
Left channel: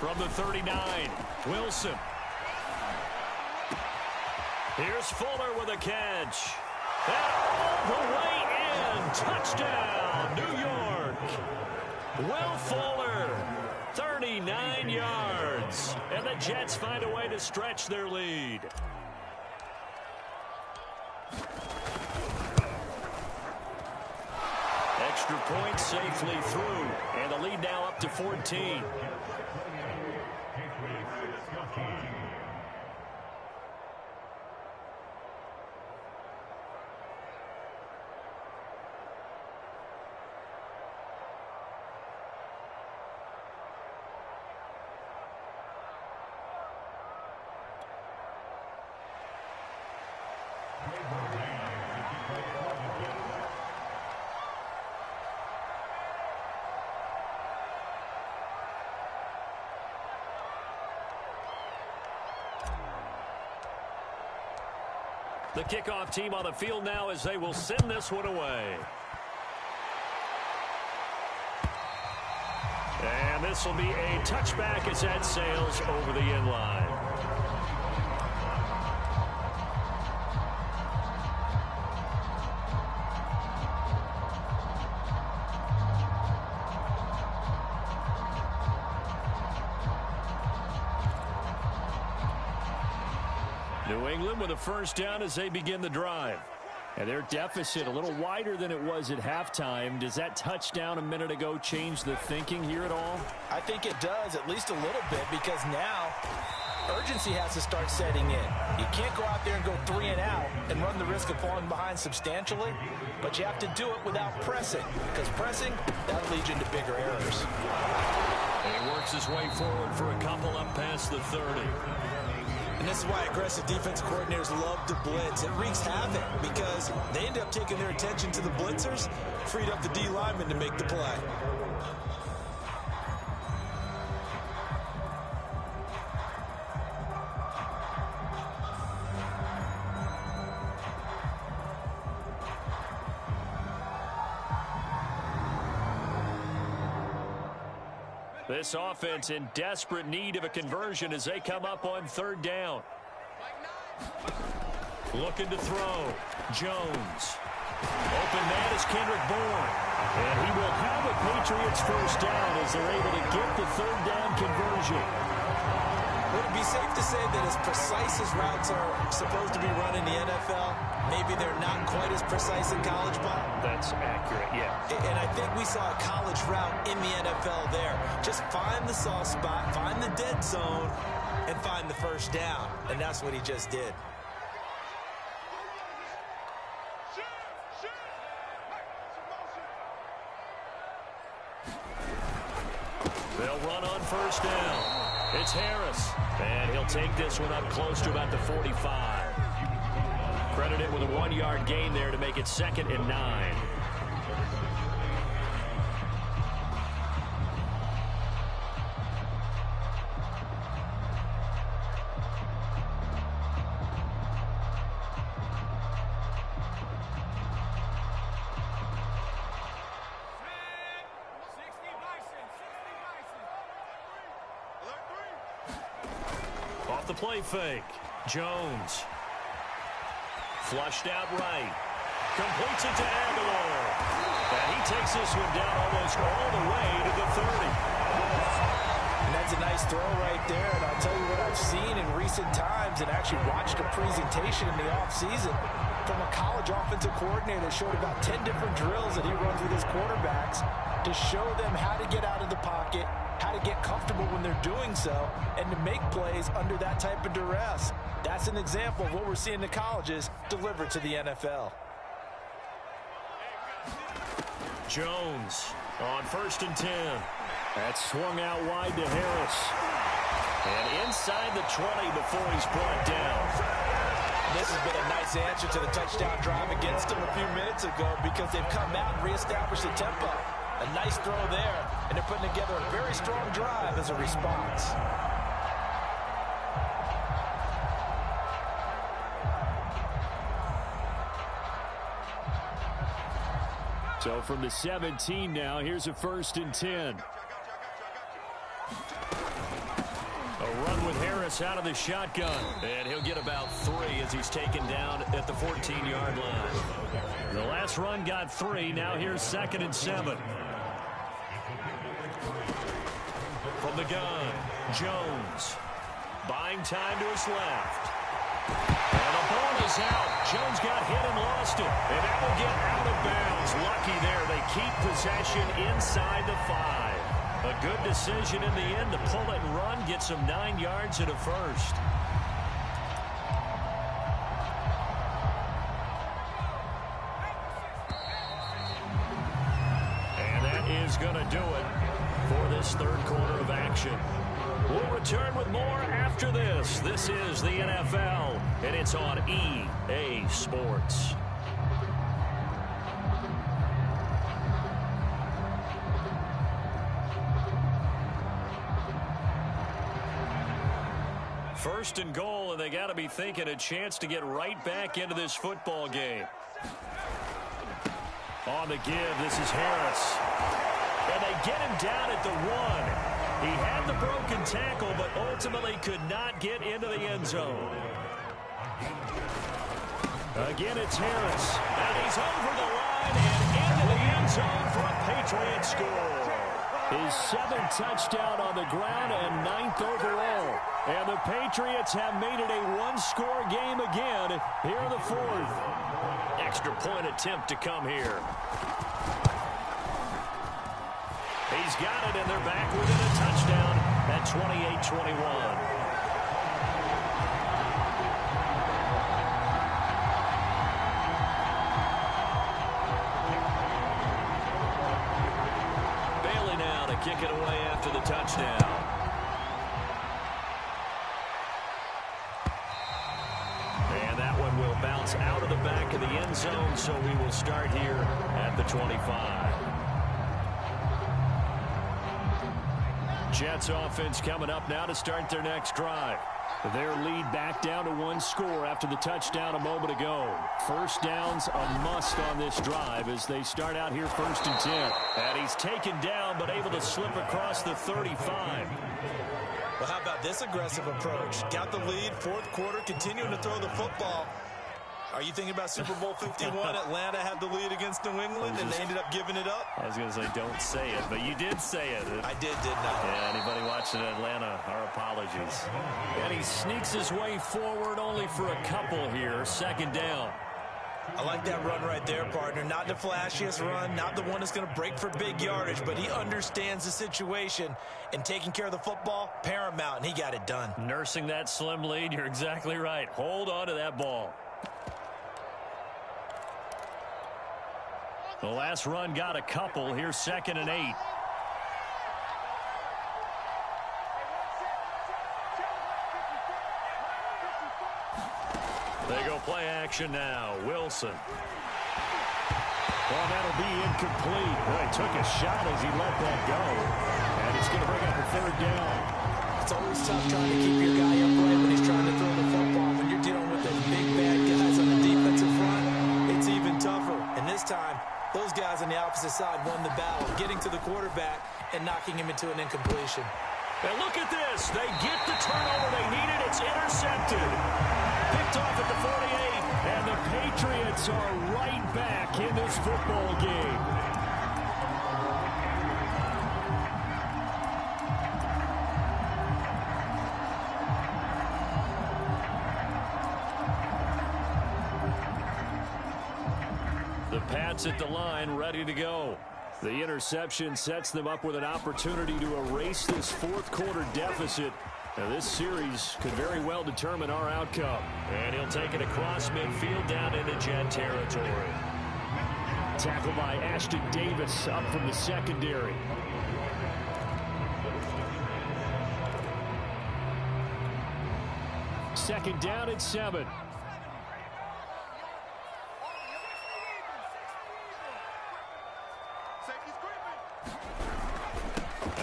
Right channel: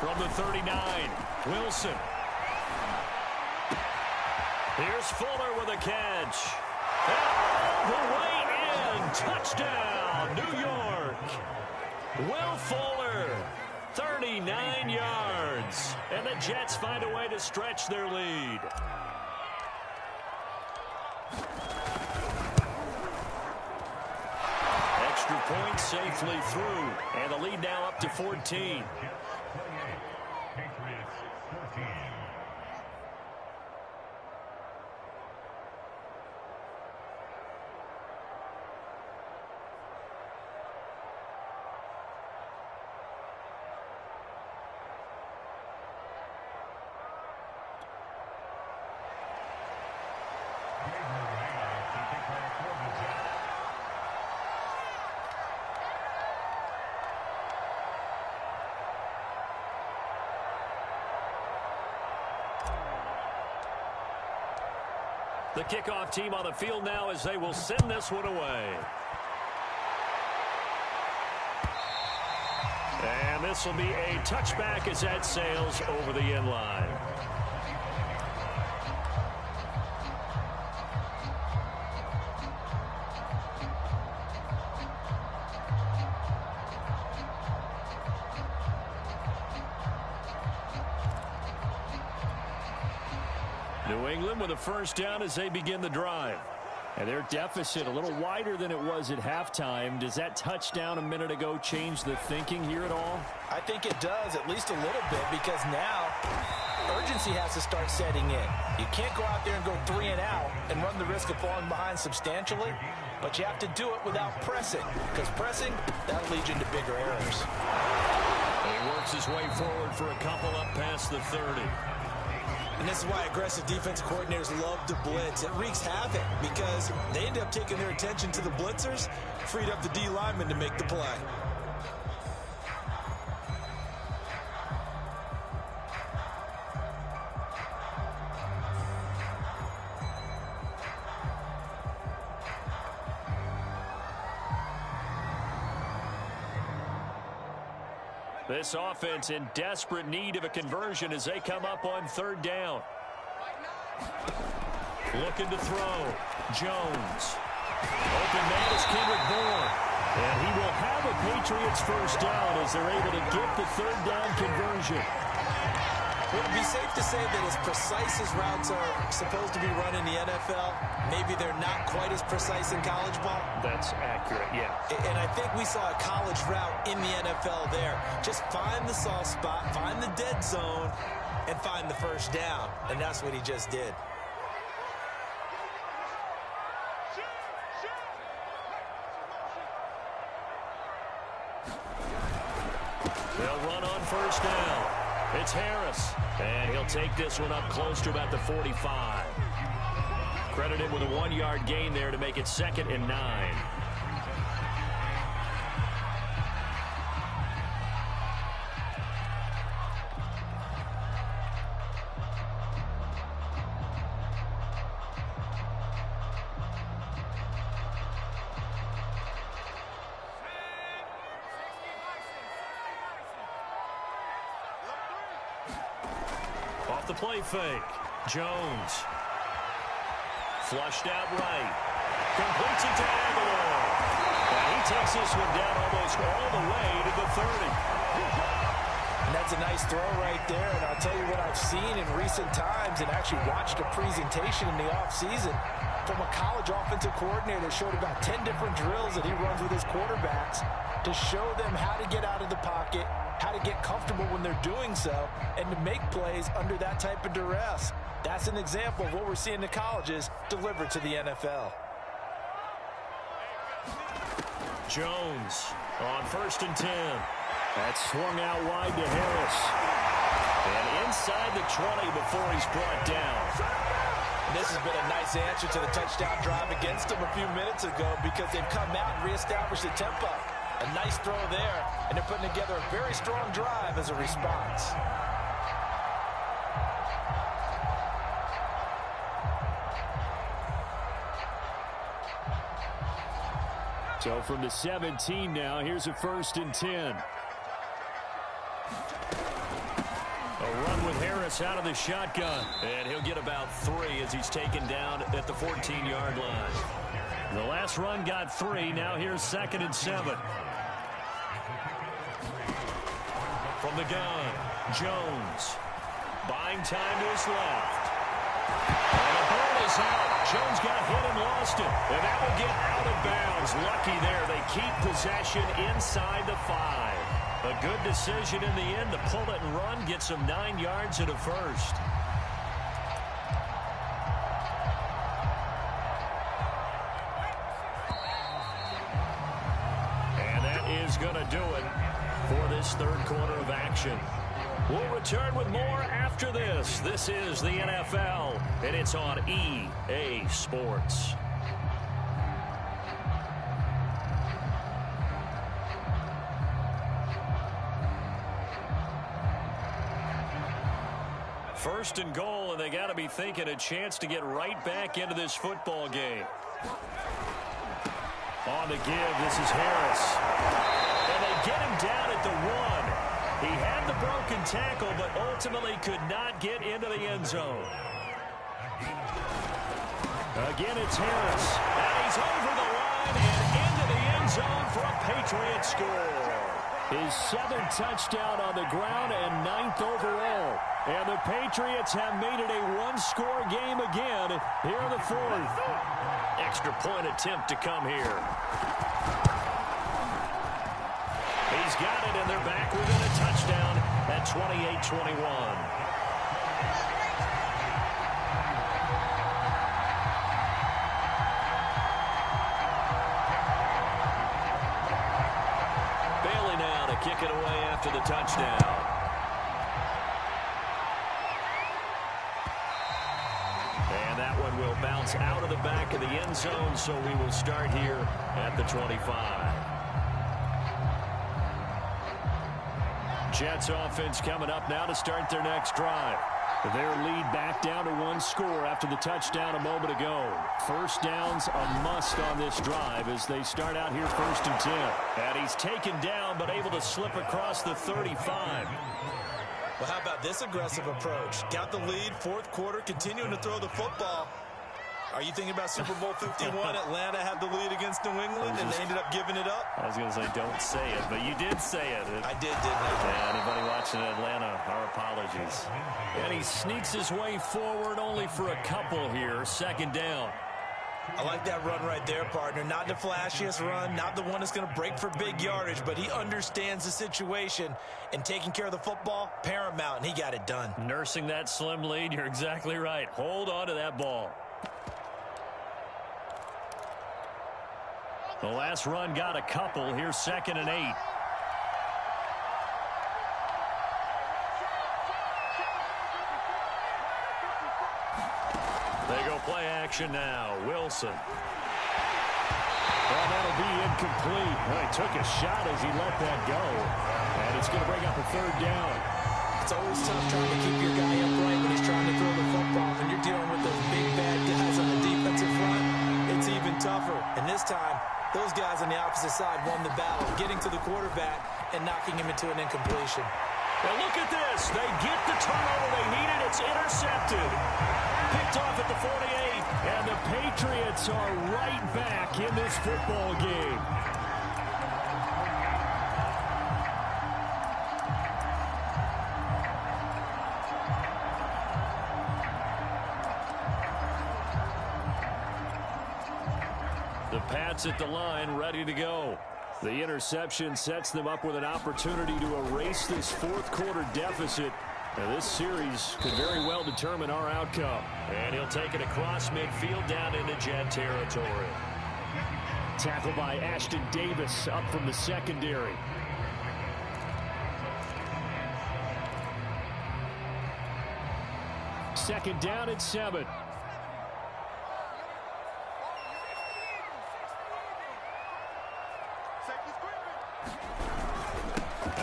From the 39, Wilson. Here's Fuller with a catch. And all the way in. Touchdown, New York. Will Fuller, 39 yards. And the Jets find a way to stretch their lead. Extra point safely through. And the lead now up to 14. The kickoff team on the field now as they will send this one away. And this will be a touchback as that sails over the end line. New England with a first down as they begin the drive. And their deficit a little wider than it was at halftime. Does that touchdown a minute ago change the thinking here at all? I think it does, at least a little bit, because now urgency has to start setting in. You can't go out there and go 3 and out and run the risk of falling behind substantially, but you have to do it without pressing, because pressing, that'll lead you into bigger errors. And he works his way forward for a couple up past the 30. And this is why aggressive defense coordinators love to blitz. It wreaks havoc because they end up taking their attention to the blitzers, freed up the D lineman to make the play. This offense in desperate need of a conversion as they come up on third down. Looking to throw. Jones. Open man is Kendrick Bourne. And he will have a Patriots first down as they're able to get the third down conversion. Would it be safe to say that as precise as routes are supposed to be run in the NFL, maybe they're not quite as precise in college ball? That's accurate, yeah. And I think we saw a college route in the NFL there. Just find the soft spot, find the dead zone, and find the first down. And that's what he just did. They'll run on first down. It's Harris, and he'll take this one up close to about the 45. Credit him with a 1-yard gain there to make it 2nd and 9. Off the play fake. Jones. Flushed out right. Completes it to Aguilar. And he takes this one down almost all the way to the 30. And that's a nice throw right there. And I'll tell you what I've seen in recent times and actually watched a presentation in the offseason from a college offensive coordinator that showed about 10 different drills that he runs with his quarterbacks to show them how to get out of the pocket, how to get comfortable when they're doing so, and to make plays under that type of duress. That's an example of what we're seeing in the colleges delivered to the NFL. Jones on 1st and 10. That swung out wide to Harris. And inside the 20 before he's brought down. And this has been a nice answer to the touchdown drive against them a few minutes ago because they've come out and reestablished the tempo. A nice throw there, and they're putting together a very strong drive as a response. So from the 17 now, here's a 1st and 10. A run with Harris out of the shotgun. And he'll get about 3 as he's taken down at the 14-yard line. The last run got 3. Now here's 2nd and 7. From the gun, Jones. Buying time to his left. And the ball is out. Jones got hit and lost it. And that will get out of bounds. Lucky there. They keep possession inside the 5. A good decision in the end to pull it and run. Get some 9 yards and a first. And that is going to do it for this third quarter of action. We'll return with more after this. This is the NFL, and it's on EA Sports. First and goal, and they got to be thinking a chance to get right back into this football game. On the give, this is Harris. And they get him down at the 1. He had the broken tackle, but ultimately could not get into the end zone. Again, it's Harris. And he's over the line and into the end zone for a Patriot score. His 7th touchdown on the ground and 9th overall. And the Patriots have made it a one-score game again here in the 4th. Extra point attempt to come here. He's got it, and they're back within a touchdown at 28-21. Bailey now to kick it away after the touchdown. And that one will bounce out of the back of the end zone, so we will start here at the 25. Jets offense coming up now to start their next drive. Their lead back down to 1 score after the touchdown a moment ago. First down's a must on this drive as they start out here 1st and 10. And he's taken down but able to slip across the 35. Well, how about this aggressive approach? Got the lead, 4th quarter, continuing to throw the football. Are you thinking about Super Bowl 51? Atlanta had the lead against New England, and they ended up giving it up? I was going to say, don't say it, but you did say it. I didn't I? Yeah, anybody watching Atlanta, our apologies. And he sneaks his way forward only for a couple here. 2nd down. I like that run right there, partner. Not the flashiest run, not the one that's going to break for big yardage, but he understands the situation, and taking care of the football, paramount, and he got it done. Nursing that slim lead, you're exactly right. Hold on to that ball. The last run got a couple. Here's 2nd and 8. They go play action now. Wilson. Well, that'll be incomplete. Well, he took a shot as he let that go. And it's going to bring up a 3rd down. It's always tough trying to keep your guy upright when he's trying to throw the football. When you're dealing with those big, bad guys on the defensive front, it's even tougher. And this time, those guys on the opposite side won the battle, getting to the quarterback and knocking him into an incompletion. And look at this. They get the turnover they needed. It's intercepted. Picked off at the 48. And the Patriots are right back in this football game. The Pats at the line, ready to go. The interception sets them up with an opportunity to erase this 4th quarter deficit. Now, this series could very well determine our outcome. And he'll take it across midfield down into Jet territory. Tackled by Ashton Davis up from the secondary. Second down at 7.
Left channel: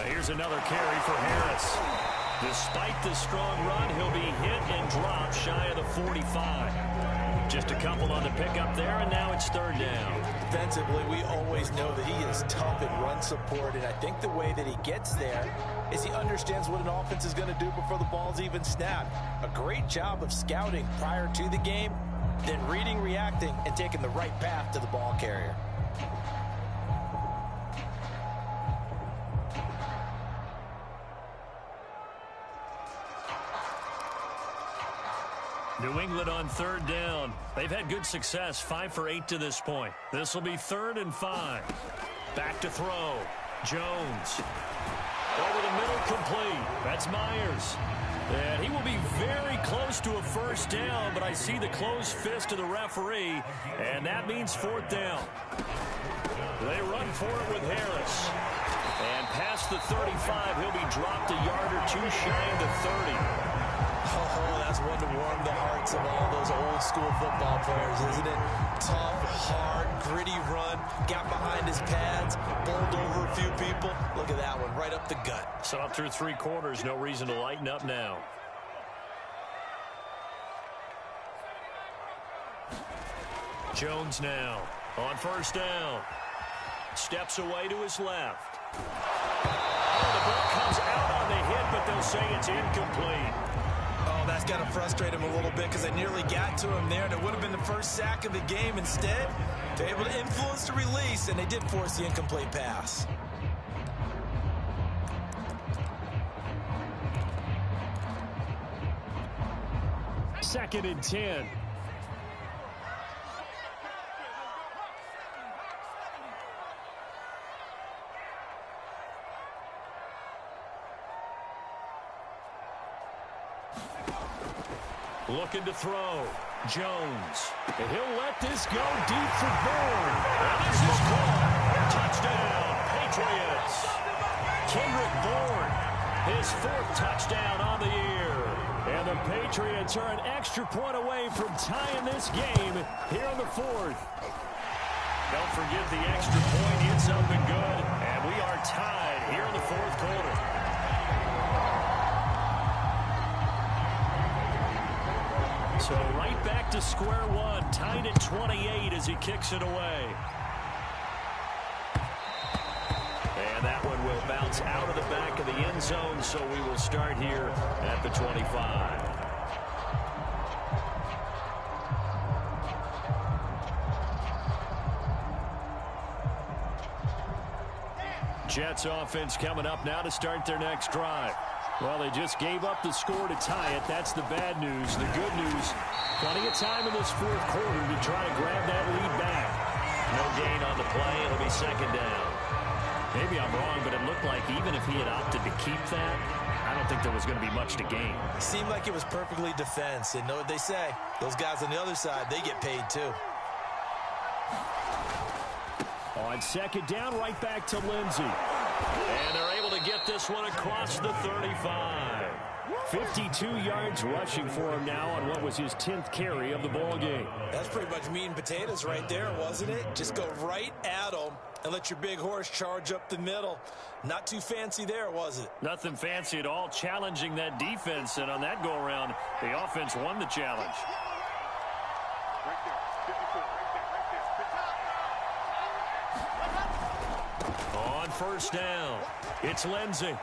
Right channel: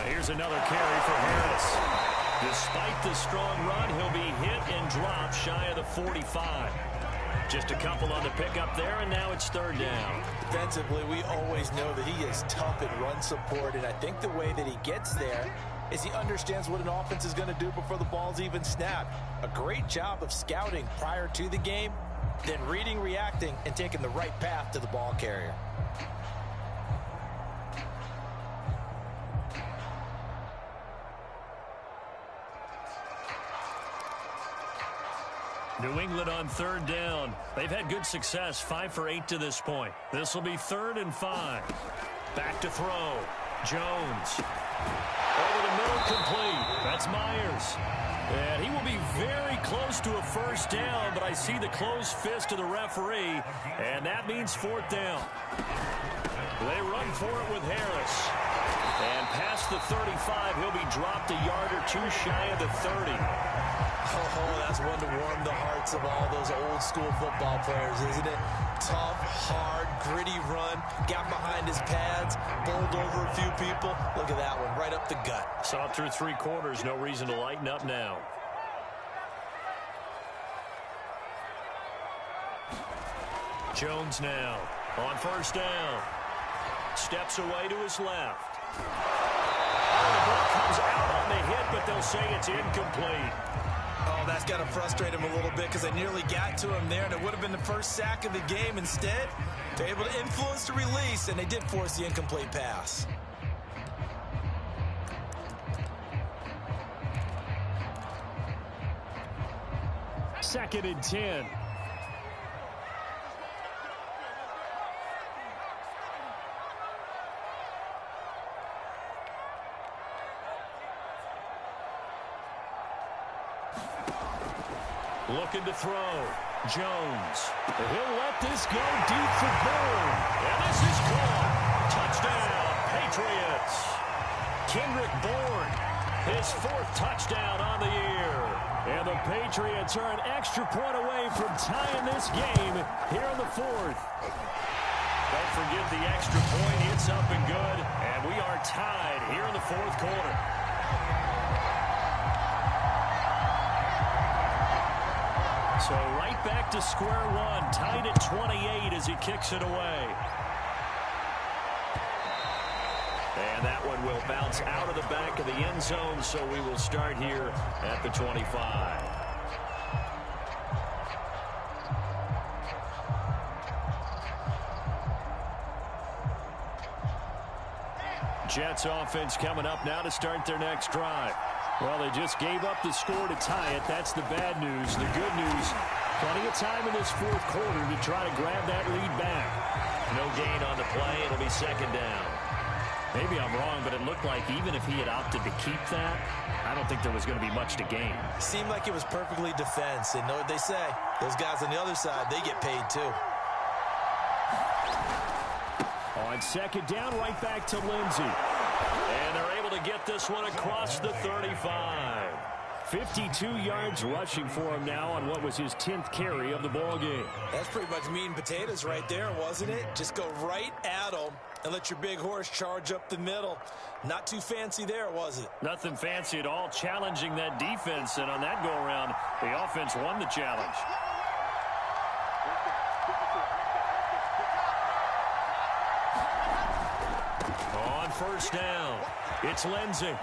Here's another carry for Harris. Despite the strong run, he'll be hit and dropped shy of the 45. Just a couple on the pickup there, and now it's 3rd down. Defensively, we always know that he is tough at run support, and I think the way that he gets there is he understands what an offense is going to do before the ball's even snapped. A great job of scouting prior to the game, then reading, reacting, and taking the right path to the ball carrier. New England on 3rd down. They've had good success, 5 for 8 to this point. This will be 3rd and 5. Back to throw. Jones. Over the middle, complete. That's Myers. And he will be very close to a 1st down, but I see the closed fist of the referee, and that means 4th down. They run for it with Harris. And past the 35, he'll be dropped a yard or 2 shy of the 30. Oh, that's one to warm the hearts of all those old school football players, isn't it? Tough, hard, gritty run, got behind his pads, bowled over a few people. Look at that one, right up the gut. Saw it through 3 quarters, no reason to lighten up now. Jones now on first down. Steps away to his left. Oh, the ball comes out on the hit, but they'll say it's incomplete. Oh, that's got to frustrate him a little bit because they nearly got to him there, and it would have been the first sack of the game. Instead, they're able to influence the release, and they did force the incomplete pass. Second and 10. Looking to throw. Jones. He'll let this go deep for Bourne. And this is caught. Touchdown, Patriots. Kendrick Bourne, his 4th touchdown on the year. And the Patriots are an extra point away from tying this game here in the 4th. Don't forget the extra point. It's up and good. And we are tied here in the 4th quarter. So right back to square one, tied at 28 as he kicks it away. And that one will bounce out of the back of the end zone, so we will start here at the 25. Jets offense coming up now to start their next drive. Well, they just gave up the score to tie it. That's the bad news. The good news, plenty of time in this 4th quarter to try to grab that lead back. No gain on the play. It'll be second down. Maybe I'm wrong, but it looked like even if he had opted to keep that, I don't think there was going to be much to gain. Seemed like it was perfectly defense. And know what they say? Those guys on the other side, they get paid too. On second down, right back to Lindsey. And they're able to get this one across the 35. 52 yards rushing for him now on what was his 10th carry of the ball game. That's pretty much meat and potatoes right there, wasn't it? Just go right at them and let your big horse charge up the middle. Not too fancy there, was it? Nothing fancy at all, challenging that defense. And on that go-around, the offense won the challenge. On first down, it's Lindsey.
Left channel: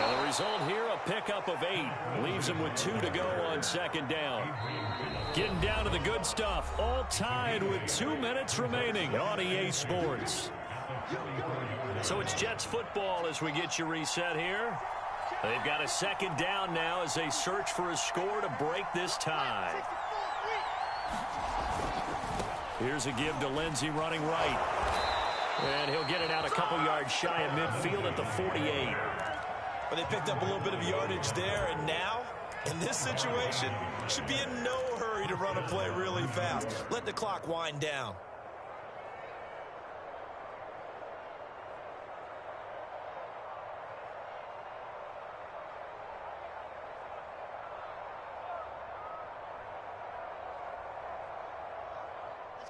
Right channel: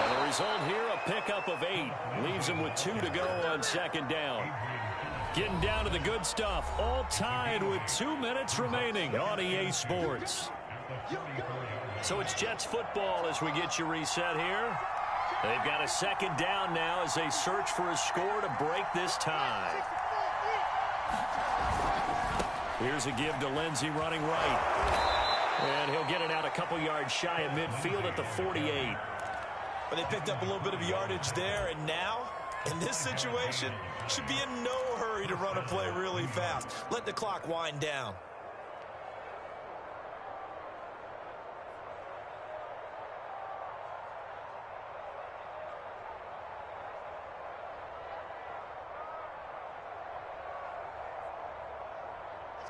And the result here, a pickup of 8. Leaves him with 2 to go on second down. Getting down to the good stuff. All tied with 2 minutes remaining on EA Sports. So it's Jets football as we get you reset here. They've got a second down now as they search for a score to break this tie. Here's a give to Lindsey running right. And he'll get it out a couple yards shy of midfield at the 48. But they picked up a little bit of yardage there, and now, in this situation, should be in no hurry to run a play really fast. Let the clock wind down.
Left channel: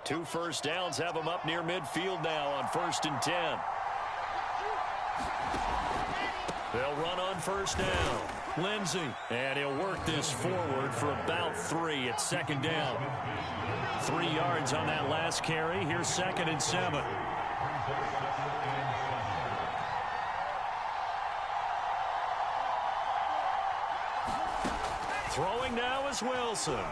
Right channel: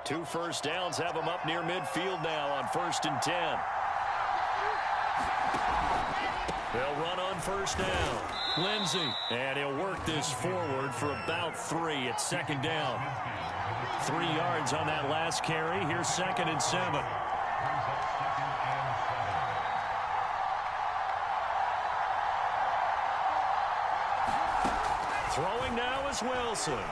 Two first downs have them up near midfield now on 1st and 10. They'll run on first down. Lindsey, and he'll work this forward for about 3 at second down. 3 yards on that last carry. Here's 2nd and 7. Throwing now is Wilson.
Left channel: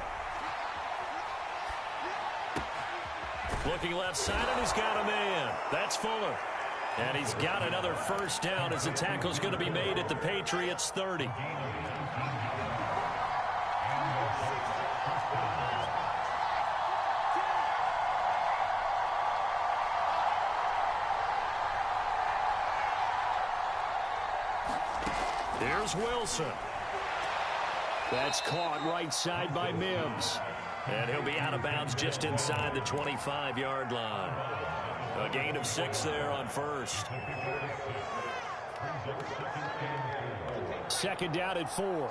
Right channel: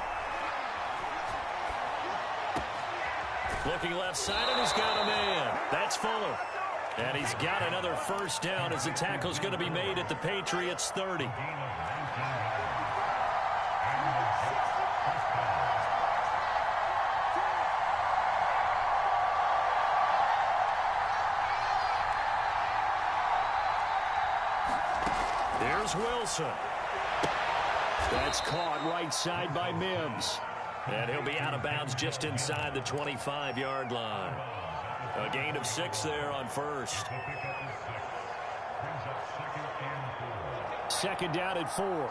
Looking left side, and he's got a man. That's Fuller. And he's got another first down as the tackle's going to be made at the Patriots 30. Here's Wilson. That's caught right side by Mims. And he'll be out of bounds just inside the 25-yard line. A gain of 6 there on first. Second down at 4.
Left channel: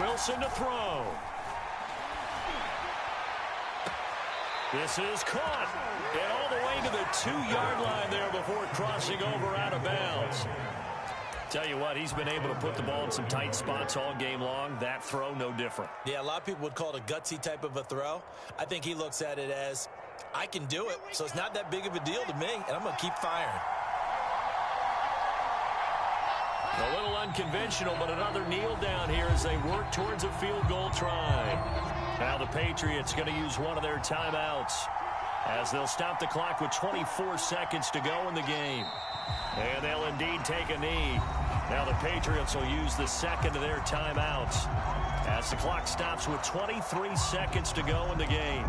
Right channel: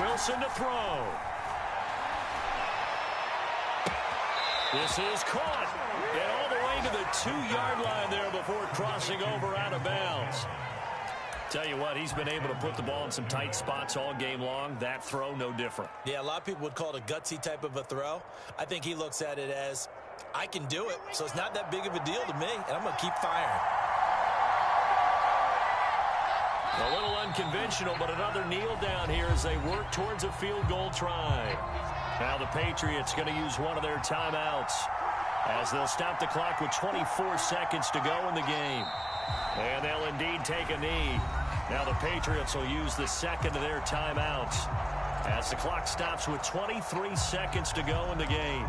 Wilson to throw. This is caught. And all the way to the 2-yard line there before crossing over out of bounds. Tell you what, he's been able to put the ball in some tight spots all game long. That throw, no different. Yeah, a lot of people would call it a gutsy type of a throw. I think he looks at it as, I can do it, so it's not that big of a deal to me, and I'm going to keep firing. A little unconventional, but another kneel down here as they work towards a field goal try. Now the Patriots going to use one of their timeouts as they'll stop the clock with 24 seconds to go in the game. And they'll indeed take a knee. Now the Patriots will use the second of their timeouts as the clock stops with 23 seconds to go in the game.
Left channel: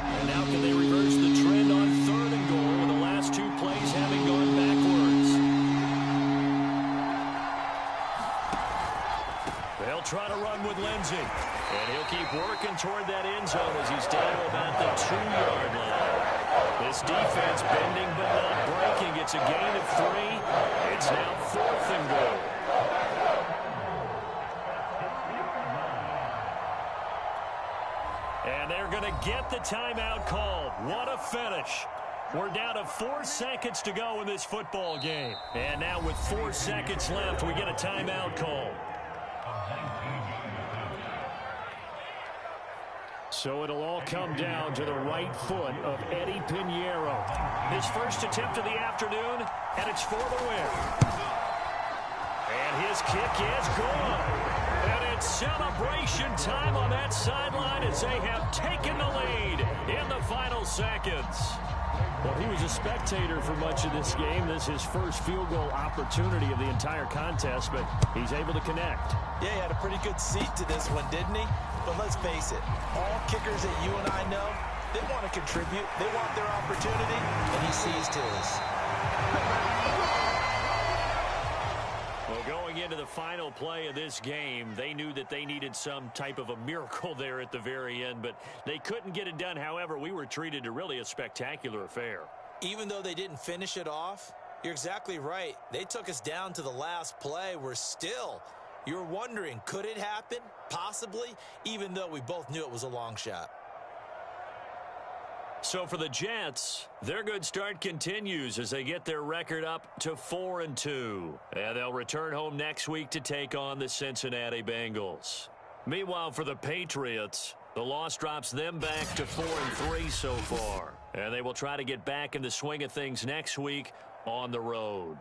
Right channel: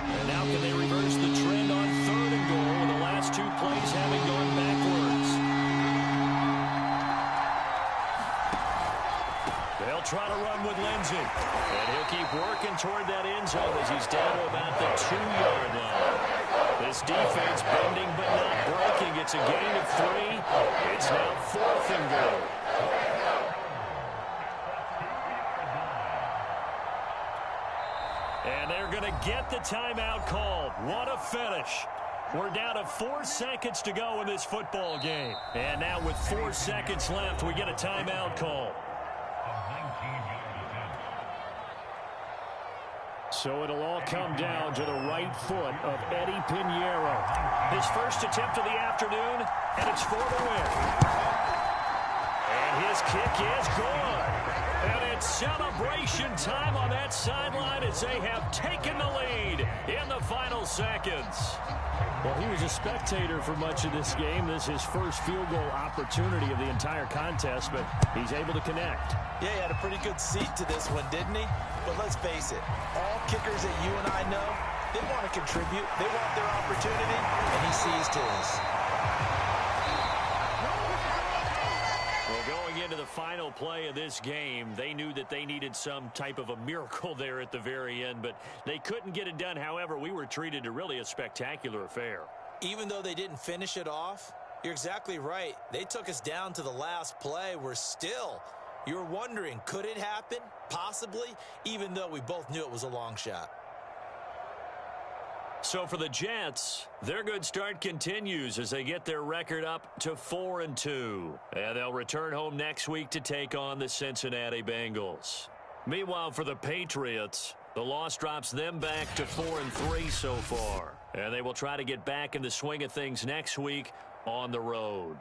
And now can they reverse the trend on 3rd and goal with the last 2 plays having gone backwards? They'll try to run with Lindsey. And he'll keep working toward that end zone as he's down to about the 2-yard line. This defense bending but not breaking. It's a gain of 3. It's now 4th and goal. And they're going to get the timeout called. What a finish. We're down to 4 seconds to go in this football game. And now with 4 seconds left, we get a timeout call. So it'll all come down to the right foot of Eddie Pinheiro. His first attempt of the afternoon, and it's for the win. And his kick is good. And it's celebration time on that sideline as they have taken the lead in the final seconds. Well, he was a spectator for much of this game. This is his first field goal opportunity of the entire contest, but he's able to connect. Yeah, he had a pretty good seat to this one, didn't he? But let's face it, all kickers that you and I know, they want to contribute. They want their opportunity, and he seized his. Well, going into the final play of this game, they knew that they needed some type of a miracle there at the very end, but they couldn't get it done. However, we were treated to really a spectacular affair. Even though they didn't finish it off, you're exactly right. They took us down to the last play. We're still, you're wondering, could it happen? Possibly, even though we both knew it was a long shot. So for the Jets, their good start continues as they get their record up to 4-2. And they'll return home next week to take on the Cincinnati Bengals. Meanwhile, for the Patriots, the loss drops them back to 4-3 so far. And they will try to get back in the swing of things next week on the road.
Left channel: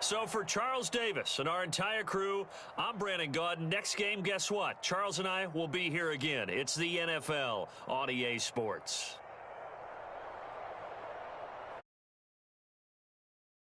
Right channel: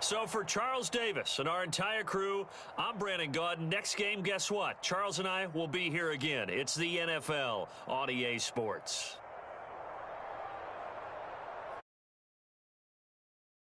So for Charles Davis and our entire crew, I'm Brandon Gaudin. Next game, guess what? Charles and I will be here again. It's the NFL on EA Sports.